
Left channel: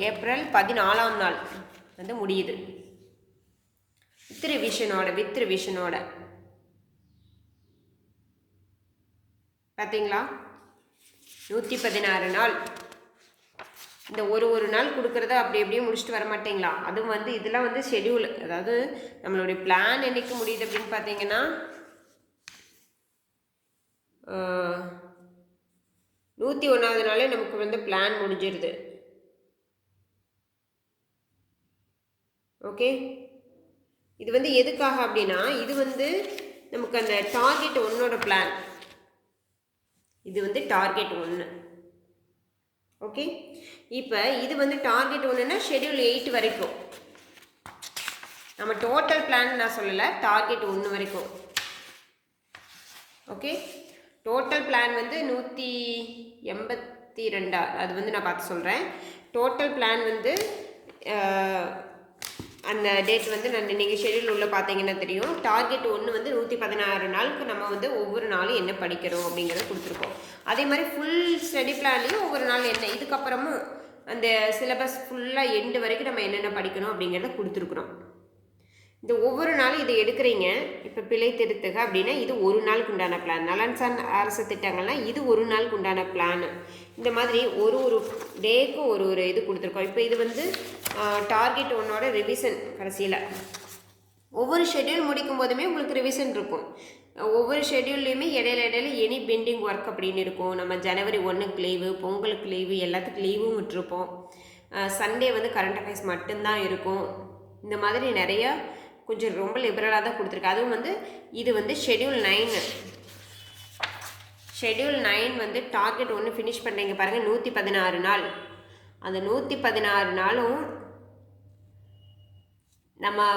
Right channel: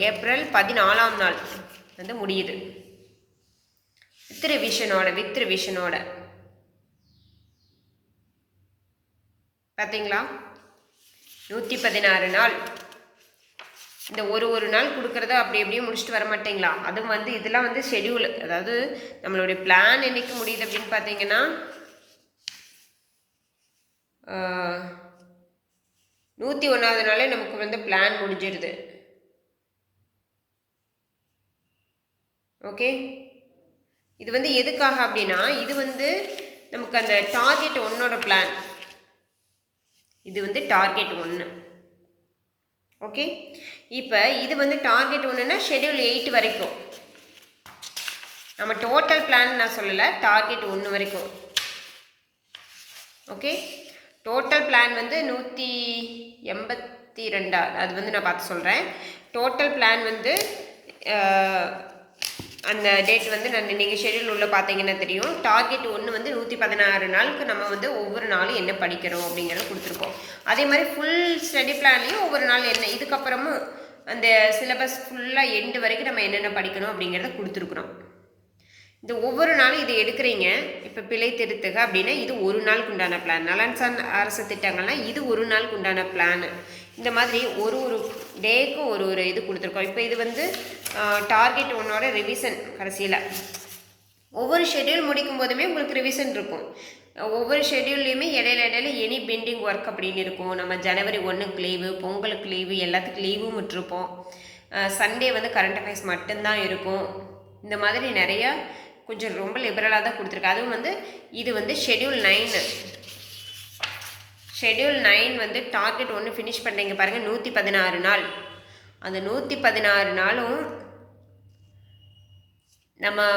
ஏப்ரல் பதினாலாம் நாள் வந்து முடியுது. வித் ரிவிஷனோட வித் ரிவிஷனோட பார்த்தீங்களா நூற்றி பதினாறு நாள். இந்த ஒரு ஒரு நாள் கொடுக்குறத அப்படி அப்படியே முடிச்சுட்டு வர மாட்டீங்களா? அதுவும் வந்து இதெல்லாம் வந்து ஷெடியூல் அதாவது நம்மளுடைய பிளான் என்றைக்கு முடியுது அப்படின்னு பார்த்தீங்கன்னா நூற்றி ஒன்றாவது நாளே நமக்கு வந்து பிளான் முடிஞ்சிருது. ஓகே இது வந்து எதுக்காக அப்படின்னா இது வந்து நமக்கு அந்த டார்கெட் ஒன்னோட பிளான் இது வந்து டார்கெட் ஒன்று ஓகே? இப்போ இது வந்து டார்கெட் ஒன்றுனா ஷெடியூல் எயிட் வரைக்கும். நம்ம டோட்டல் பிளான் நான் சொல்லலை டார்கெட் ஒன்று வரைக்கும். ஓகே? டோட்டல் பிளான் வந்து நூற்றி எண்பத்தி ரெண்டா? அது வந்து நான் பார்த்து சொல்கிறேன் டோட்டல் பிளான் வந்து அந்த டேட் வந்து நான் நீங்கள் ஷெடியூல் உள்ள பார்த்தீங்கன்னா தெரியும். டார்கெட் ஒன்று வந்து நூற்றி பதினாறு நாளுக்கு நம்ம வந்து ஒவ்வொரு நாளும் என்ன படிக்கிறோம் அப்படிங்கிறத கொடுத்துருக்கோம். அதே மாதிரி ஃபுல் ஸ்டடி பிளான்லேயும் ஒவ்வொரு நாள் என்ன இதுக்கப்புறமும் அந்த சிலபஸ் ஃபுல்லாக எண்டு வரைக்கும் நம்ம என்னென்ன படிக்கணும் அப்படிங்கிறத கொடுத்துருக்குறோம். இந்த ஒவ்வொரு நாளும் இதை எடுக்கிறீங்க. இப்போ பிழை திருத்துக அப்படின்னா இது ஒரு நாளுக்கு உண்டான பிளான் நலன்சான் அரசு திட்டங்கள்னால் இது ஒரு நாளுக்கு உண்டான பிளான் இந்த மாதிரி ஒரு ஒரு டேக்கு ஒரு ஒரு இது கொடுத்துருக்கோம். இப்போ இது வந்து டார்கெட் ஒன்னோட ரிவிஷன் கடைசியில். ஒவ்வொரு ஷெட்யூல் முடிக்கும் போதுமே உங்களுக்கு ரிவிஷன் இருக்கும். ஒவ்வொரு ஷெட்யூல்லையுமே இடையில இடையில எனி பெண்டிங் ஒர்க் அப்படின்னு இருக்கும். நம்ம ஜனவரி ஒன்றுக்கு லீவு பொங்கலுக்கு லீவு எல்லாத்துக்கும் லீவும் விட்டுருப்போம். சண்டே வந்து கரண்ட் அஃபேர்ஸ் மட்டும்தான் இருக்கும். இந்த மாதிரி நிறையா கொஞ்சம் ரொம்ப லிபரலாக தான் கொடுத்துருக்கு. அதுவும் வந்து இது வந்து ஷெட்யூல் நைனு ஷெட்யூல் நைன் வந்து டார்கெட் ஒன்று ஃபினிஷ் பண்ணுறீங்க பாருங்கள் நூற்றி பதினாறு நாள். அந்த நூற்றி பதினாறு நாளும் நம்ம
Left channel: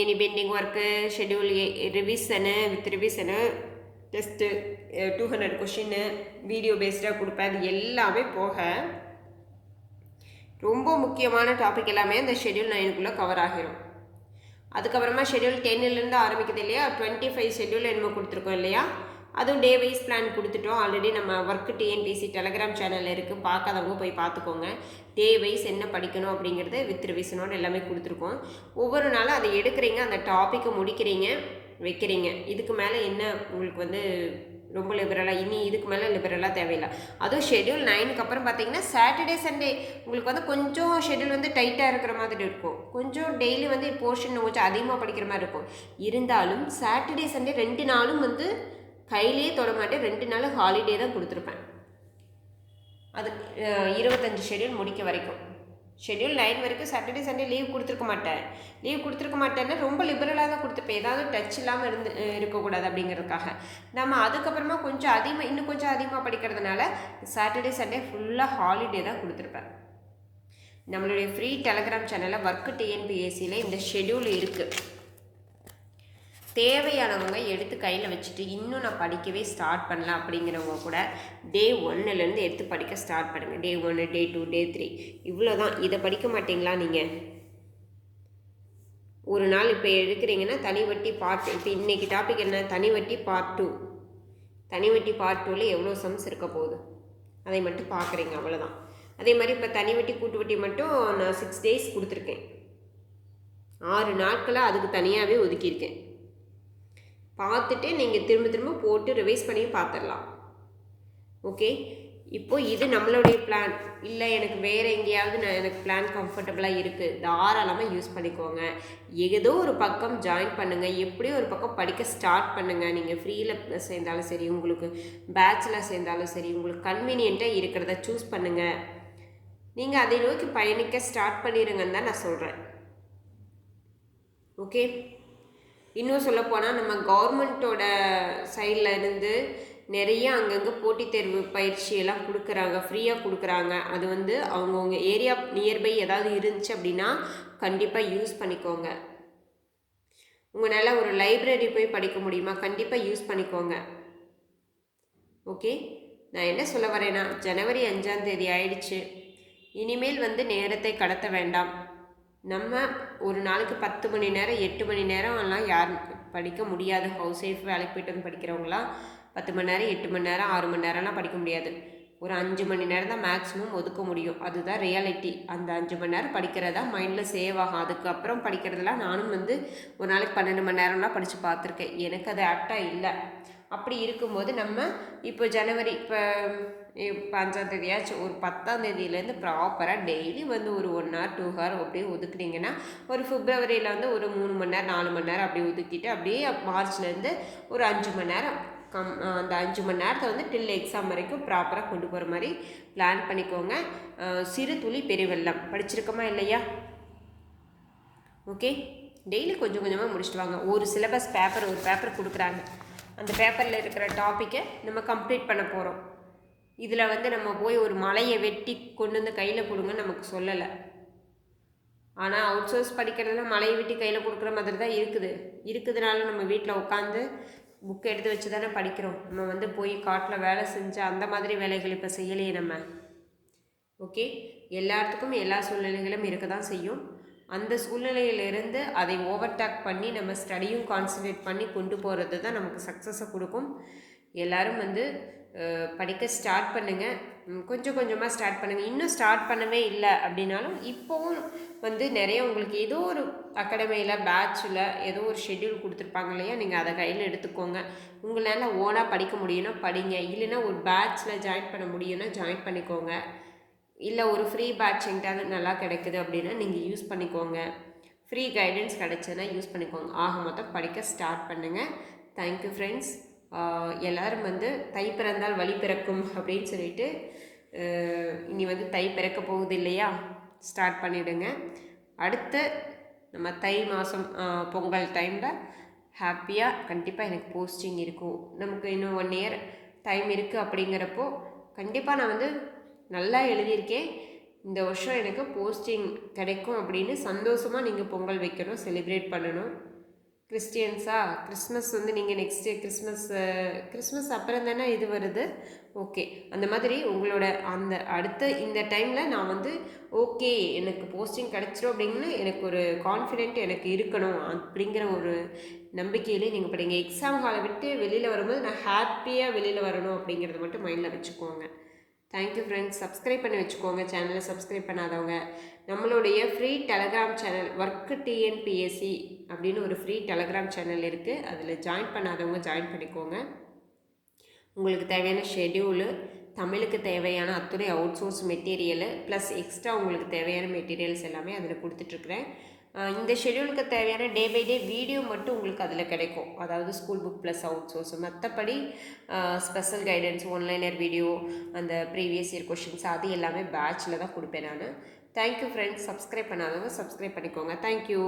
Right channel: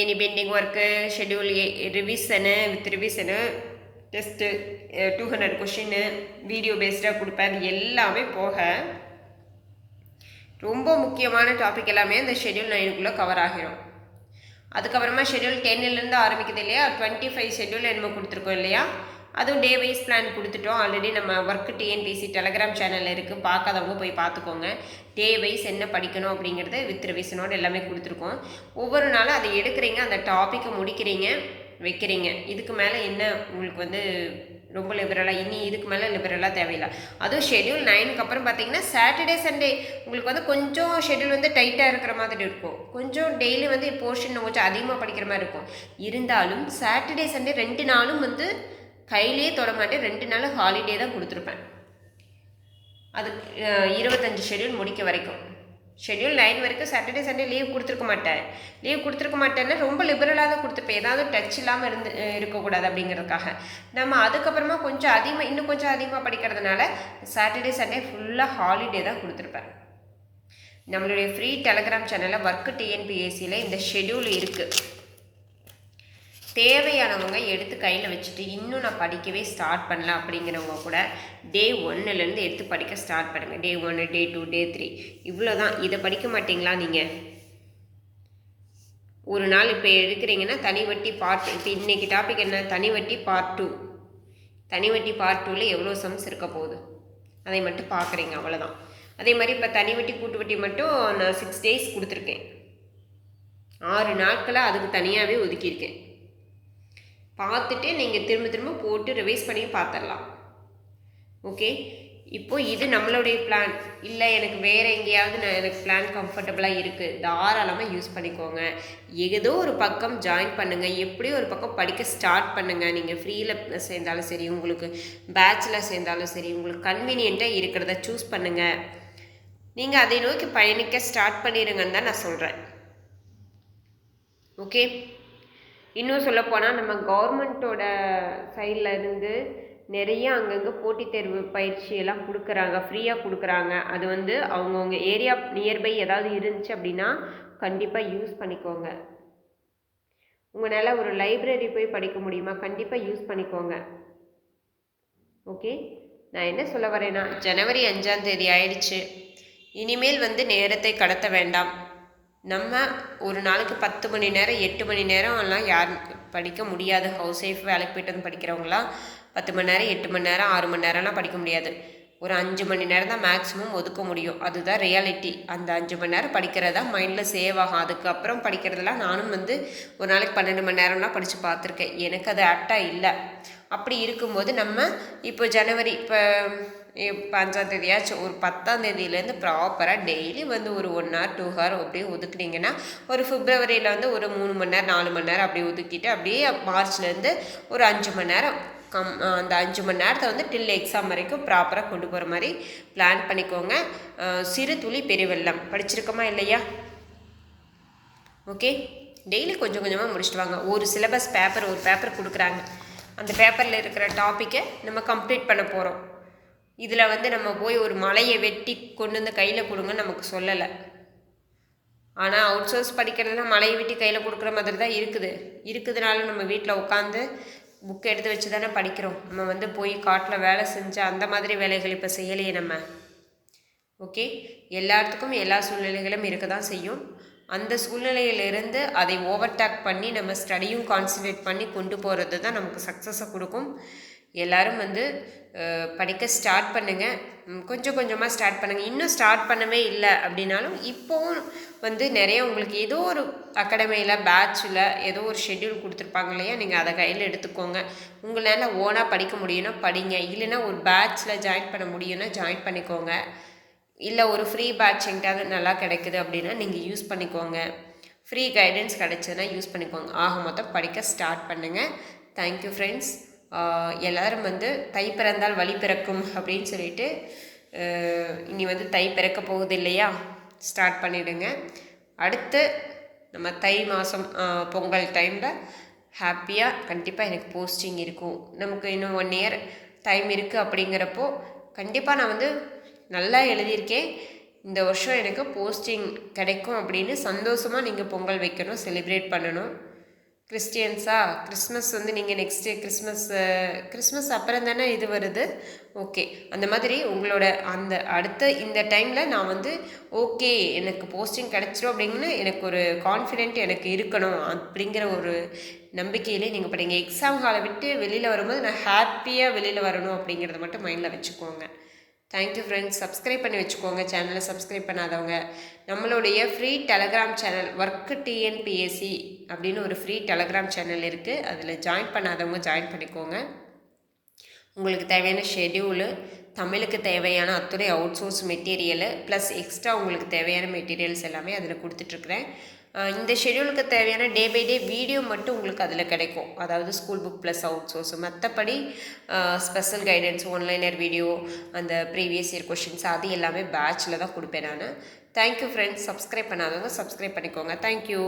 any pending work schedule revision with revision test two hundred question video பேஸ்டாக கொடுப்பேன். அது எல்லாமே போக ரொம்ப முக்கியமான டாபிக் எல்லாமே அந்த ஷெட்யூல் நைனுக்குள்ளே கவர் ஆகிரும். அதுக்கப்புறமா ஷெட்யூல் டென்னிலேருந்து ஆரம்பிக்குது இல்லையா? டுவெண்ட்டி ஃபைவ் ஷெட்யூல் என்னமோ கொடுத்துருக்கோம் இல்லையா? அதுவும் டே வைஸ் பிளான் கொடுத்துட்டோம். ஆல்ரெடி நம்ம ஒர்க்கு டிஎன்பிசி டெலகிராம் சேனலில் இருக்குது பார்க்காதவங்க போய் பார்த்துக்கோங்க. டே வைஸ் என்ன படிக்கணும் அப்படிங்கிறத வித் ரிவிஷனோட எல்லாமே கொடுத்துருக்கோம். ஒவ்வொரு நாளும் அதை எடுக்கிறீங்க. அந்த டாப்பிக்கை முடிக்கிறீங்க வைக்கிறீங்க. இதுக்கு மேலே என்ன உங்களுக்கு வந்து ரொம்ப லிபரலாக இனி இதுக்கு மேலே லிபரலாக தேவையில்லை. அதுவும் ஷெட்யூல் நைனுக்கு அப்புறம் பார்த்தீங்கன்னா சாட்டர்டே சண்டே உங்களுக்கு வந்து கொஞ்சம் ஷெட்யூல் வந்து டைட்டாக இருக்கிற மாதிரி இருக்கும். கொஞ்சம் டெய்லி வந்து போர்ஷன் கொஞ்சம் அதிகமாக படிக்கிற மாதிரி இருக்கும். இருந்தாலும் சாட்டர்டே சண்டே ரெண்டு நாளும் வந்து கையிலே தொடமாட்டேன் ரெண்டு நாள் ஹாலிடே தான் கொடுத்துருப்பேன். அது இருபத்தஞ்சி ஷெட்யூல் முடிக்க வரைக்கும். ஷெட்யூல் நைன் வரைக்கும் சாட்டர்டே சண்டே லீவ் கொடுத்துருக்க மாட்டேன். லீவ் கொடுத்துருக்க மாட்டேன்னா ரொம்ப லிபரலாக தான் கொடுத்துருப்பேன் ஏதாவது டச் இல்லாமல் இருந்து இருக்கக்கூடாது அப்படிங்கிறதுக்காக. நம்ம அதுக்கப்புறமா கொஞ்சம் அதிகமாக இன்னும் கொஞ்சம் அதிகமாக படிக்கிறதுனால சாட்டர்டே சண்டே ஃபுல்லாக ஹாலிடே தான் கொடுத்துருப்பேன். நம்மளுடைய ஃப்ரீ டெலகிராம் சேனலில் ஒர்க்கு டிஎன்பிஎஸ்சியில் இந்த ஷெட்யூல் இருக்குது தேவையானவங்க எடுத்து கையில் வச்சுட்டு இன்னும் நான் படிக்கவே ஸ்டார்ட் பண்ணல அப்படிங்கிறவங்க கூட டே ஒன்னுலேருந்து எடுத்து படிக்க ஸ்டார்ட் பண்ணுங்கள் டே ஒன்று டே டூ டே த்ரீ இவ்வளோ தான் இதை படிக்க மாட்டிங்களா நீங்கள் ஒரு நாள் இப்போ எடுக்கிறீங்கன்னா தனி வட்டி பார்ட் இப்போ இன்றைக்கி டாபிக் என்ன? தனி வட்டி பார்ட் டூ தனி வட்டி பார்ட் டூவில் எவ்வளோ சம்ஸ் இருக்க போகுது? அதை மட்டும் பார்க்குறீங்க அவ்வளோதான் அதே மாதிரி இப்போ தனி வட்டி கூட்டு வட்டி மட்டும் நான் சிக்ஸ் டேஸ் கொடுத்துருக்கேன். ஆறு நாட்களாக அதுக்கு தனியாகவே ஒதுக்கியிருக்கேன். பார்த்துட்டு நீங்கள் திரும்ப திரும்ப போட்டு ரிவைஸ் பண்ணி பார்த்துடலாம் ஓகே இப்போது இது நம்மளுடைய பிளான் இல்லை எனக்கு வேறு எங்கேயாவது நான் எனக்கு பிளான் கம்ஃபர்டபுளாக இருக்குது தாராளமாக யூஸ் பண்ணிக்கோங்க. ஏதோ ஒரு பக்கம் ஜாயின் பண்ணுங்கள் எப்படியும் ஒரு பக்கம் படிக்க ஸ்டார்ட் பண்ணுங்கள் நீங்கள் ஃப்ரீயில் சேர்ந்தாலும் சரி உங்களுக்கு பேச்சில் சேர்ந்தாலும் சரி உங்களுக்கு கன்வீனியண்ட்டாக இருக்கிறத சூஸ் பண்ணுங்கள் நீங்கள் அதை நோக்கி பயணிக்க ஸ்டார்ட் பண்ணிடுங்கன்னு தான் நான் சொல்கிறேன் ஓகே இன்னும் சொல்லப்போனால் நம்ம கவர்மெண்ட்டோட சைடில் இருந்து நிறைய அங்கங்கே போட்டித் தேர்வு பயிற்சியெல்லாம் கொடுக்குறாங்க ஃப்ரீயாக கொடுக்குறாங்க. அது வந்து அவங்கவுங்க ஏரியா நியர்பை ஏதாவது இருந்துச்சு அப்படின்னா கண்டிப்பாக யூஸ் பண்ணிக்கோங்க. உங்களால் ஒரு லைப்ரரி போய் படிக்க முடியுமா? கண்டிப்பாக யூஸ் பண்ணிக்கோங்க. ஓகே நான் என்ன சொல்ல வரேன்னா ஜனவரி அஞ்சாம் தேதி ஆயிடுச்சு. இனிமேல் வந்து நேரத்தை கடத்த வேண்டாம். நம்ம ஒரு நாளைக்கு பத்து மணி நேரம் எட்டு மணி நேரம்லாம் யார் படிக்க முடியாது. ஹவுஸ் ஒய்ஃப் வேலைக்கு போய்ட்டு வந்து படிக்கிறவங்களாம் பத்து மணி நேரம் எட்டு மணி நேரம் ஆறு மணி நேரம்லாம் படிக்க முடியாது. ஒரு அஞ்சு மணி நேரம் தான் மேக்ஸிமம் ஒதுக்க முடியும். அதுதான் ரியாலிட்டி அந்த அஞ்சு மணி நேரம் படிக்கிறதா மைண்டில் சேவ் ஆகும். அதுக்கப்புறம் படிக்கிறதெல்லாம் நானும் வந்து ஒரு நாளைக்கு பன்னெண்டு மணி நேரம்லாம் படித்து பார்த்துருக்கேன். எனக்கு அது ஆக்டாக இல்லை. அப்படி இருக்கும்போது நம்ம இப்போ ஜனவரி இப்போ அஞ்சாம் தேதியாச்சும் ஒரு பத்தாம் தேதியிலேருந்து ப்ராப்பராக டெய்லி வந்து ஒரு ஒன் ஹவர் டூ ஹவர் அப்படியே ஒதுக்குனீங்கன்னா ஒரு ஃபிப்ரவரியில் வந்து ஒரு மூணு மணி நேரம் நாலு மணி நேரம் அப்படியே ஒதுக்கிட்டு அப்படியே மார்ச்லேருந்து ஒரு அஞ்சு மணி நேரம் கம் அந்த அஞ்சு மணி நேரத்தை வந்து டில் எக்ஸாம் வரைக்கும் ப்ராப்பராக கொண்டு போகிற மாதிரி பிளான் பண்ணிக்கோங்க. சிறு துளி பெரிய வெள்ளம். படிச்சிருக்கோமா இல்லையா? ஓகே டெய்லி கொஞ்சம் கொஞ்சமாக முடிச்சுட்டு வாங்க. ஒரு சிலபஸ் பேப்பர் ஒரு பேப்பர் கொடுக்குறாங்க. அந்த பேப்பரில் இருக்கிற டாப்பிக்கை நம்ம கம்ப்ளீட் பண்ண போகிறோம் இதில் வந்து நம்ம போய் ஒரு மலையை வெட்டி கொண்டு வந்து கையில் கொடுங்கன்னு நமக்கு சொல்லலை. ஆனால் அவுட் சோர்ஸ் படிக்கிறதுனா மலையை வெட்டி கையில் கொடுக்குற மாதிரி தான் இருக்குது. இருக்குதுனால நம்ம வீட்டில் உட்காந்து புக் எடுத்து வச்சு தானே படிக்கிறோம். நம்ம வந்து போய் காட்டில் வேலை செஞ்சு அந்த மாதிரி வேலைகள் இப்போ செய்யலையே நம்ம. ஓகே எல்லாத்துக்கும் எல்லா சூழ்நிலைகளும் இருக்க தான் செய்யும். அந்த சூழ்நிலையிலிருந்து அதை ஓவர்டேக் பண்ணி நம்ம ஸ்டடியும் கான்சன்ட்ரேட் பண்ணி கொண்டு போகிறது தான் நமக்கு சக்ஸஸை கொடுக்கும். எல்லோரும் வந்து படிக்க ஸ்டார்ட் பண்ணுங்கள் கொஞ்சம் கொஞ்சமாக ஸ்டார்ட் பண்ணுங்கள் இன்னும் ஸ்டார்ட் பண்ணவே இல்லை அப்படின்னாலும் இப்போவும் வந்து நிறைய உங்களுக்கு ஏதோ ஒரு அகாடமியில் பேட்சில் ஏதோ ஒரு ஷெட்யூல் கொடுத்துருப்பாங்க இல்லையா? நீங்கள் அதை கையில் எடுத்துக்கோங்க. உங்களால் ஓனாக படிக்க முடியும்னா படிங்க. இல்லைன்னா ஒரு பேட்சில் ஜாயின் பண்ண முடியும்னா ஜாயின் பண்ணிக்கோங்க. இல்லை ஒரு ஃப்ரீ பேட்ச் எங்கிட்டாவது நல்லா கிடைக்குது அப்படின்னா நீங்கள் யூஸ் பண்ணிக்கோங்க. ஃப்ரீ கைடன்ஸ் கிடைச்சதுன்னா யூஸ் பண்ணிக்கோங்க. ஆக மொத்தம் படிக்க ஸ்டார்ட் பண்ணுங்கள் தேங்க்யூ ஃப்ரெண்ட்ஸ் எல்லோரும் வந்து தை பிறந்தால் வழி பிறக்கும் அப்படின்னு சொல்லிட்டு இனி வந்து தை பிறக்க போகுது இல்லையா? ஸ்டார்ட் பண்ணிவிடுங்க அடுத்து நம்ம தை மாதம் பொங்கல் டைமில் ஹாப்பியாக கண்டிப்பாக எனக்கு போஸ்டிங் இருக்கும். நமக்கு இன்னும் ஒன் இயர் டைம் இருக்குது அப்படிங்கிறப்போ கண்டிப்பாக நான் வந்து நல்லா எழுதியிருக்கேன். இந்த வருஷம் எனக்கு போஸ்டிங் கிடைக்கும் அப்படின்னு சந்தோஷமாக நீங்கள் பொங்கல் வைக்கணும் செலிப்ரேட் பண்ணணும். கிறிஸ்டியன்ஸா கிறிஸ்மஸ் வந்து நீங்கள் நெக்ஸ்ட்டு கிறிஸ்மஸ் கிறிஸ்மஸ் அப்புறம் தானே இது வருது? ஓகே அந்த மாதிரி உங்களோட அந்த அடுத்த இந்த டைமில் நான் வந்து ஓகே எனக்கு போஸ்டிங் கிடச்சிரும் அப்படின்னு எனக்கு ஒரு கான்ஃபிடென்ட் எனக்கு இருக்கணும் அப்படிங்கிற ஒரு நம்பிக்கையிலே நீங்கள் படிங்க எக்ஸாம் ஹாலை விட்டு வெளியில் வரும்போது நான் ஹாப்பியாக வெளியில் வரணும் அப்படிங்கிறத மட்டும் மைண்டில் வச்சுக்கோங்க. தேங்க்யூ ஃப்ரெண்ட்ஸ் சப்ஸ்கிரைப் பண்ணி வச்சுக்கோங்க. சேனலை சப்ஸ்கிரைப் பண்ணாதவங்க. நம்மளுடைய free telegram channel work TNPSC அப்படின்னு ஒரு ஃப்ரீ டெலகிராம் சேனல் இருக்குது அதில் ஜாயின் பண்ணாதவங்க ஜாயின் பண்ணிக்கோங்க. உங்களுக்கு தேவையான ஷெடியூலு தமிழுக்கு தேவையான அத்துறை out source material plus extra உங்களுக்கு தேவையான மெட்டீரியல்ஸ் எல்லாமே அதில் கொடுத்துட்ருக்குறேன் இந்த ஷெடியூலுக்கு தேவையான டே பை டே வீடியோ மட்டும் உங்களுக்கு அதில் கிடைக்கும். அதாவது school book plus out source மற்றபடி special guidance one liner video அந்த ப்ரீவியஸ் இயர் கொஷின்ஸ் அது எல்லாமே பேட்சில் தான் கொடுப்பேன் நான். தேங்க்யூ ஃப்ரெண்ட்ஸ் சப்ஸ்கிரைப் பண்ணாதவங்க சப்ஸ்கிரைப் பண்ணிக்கோங்க. Thank you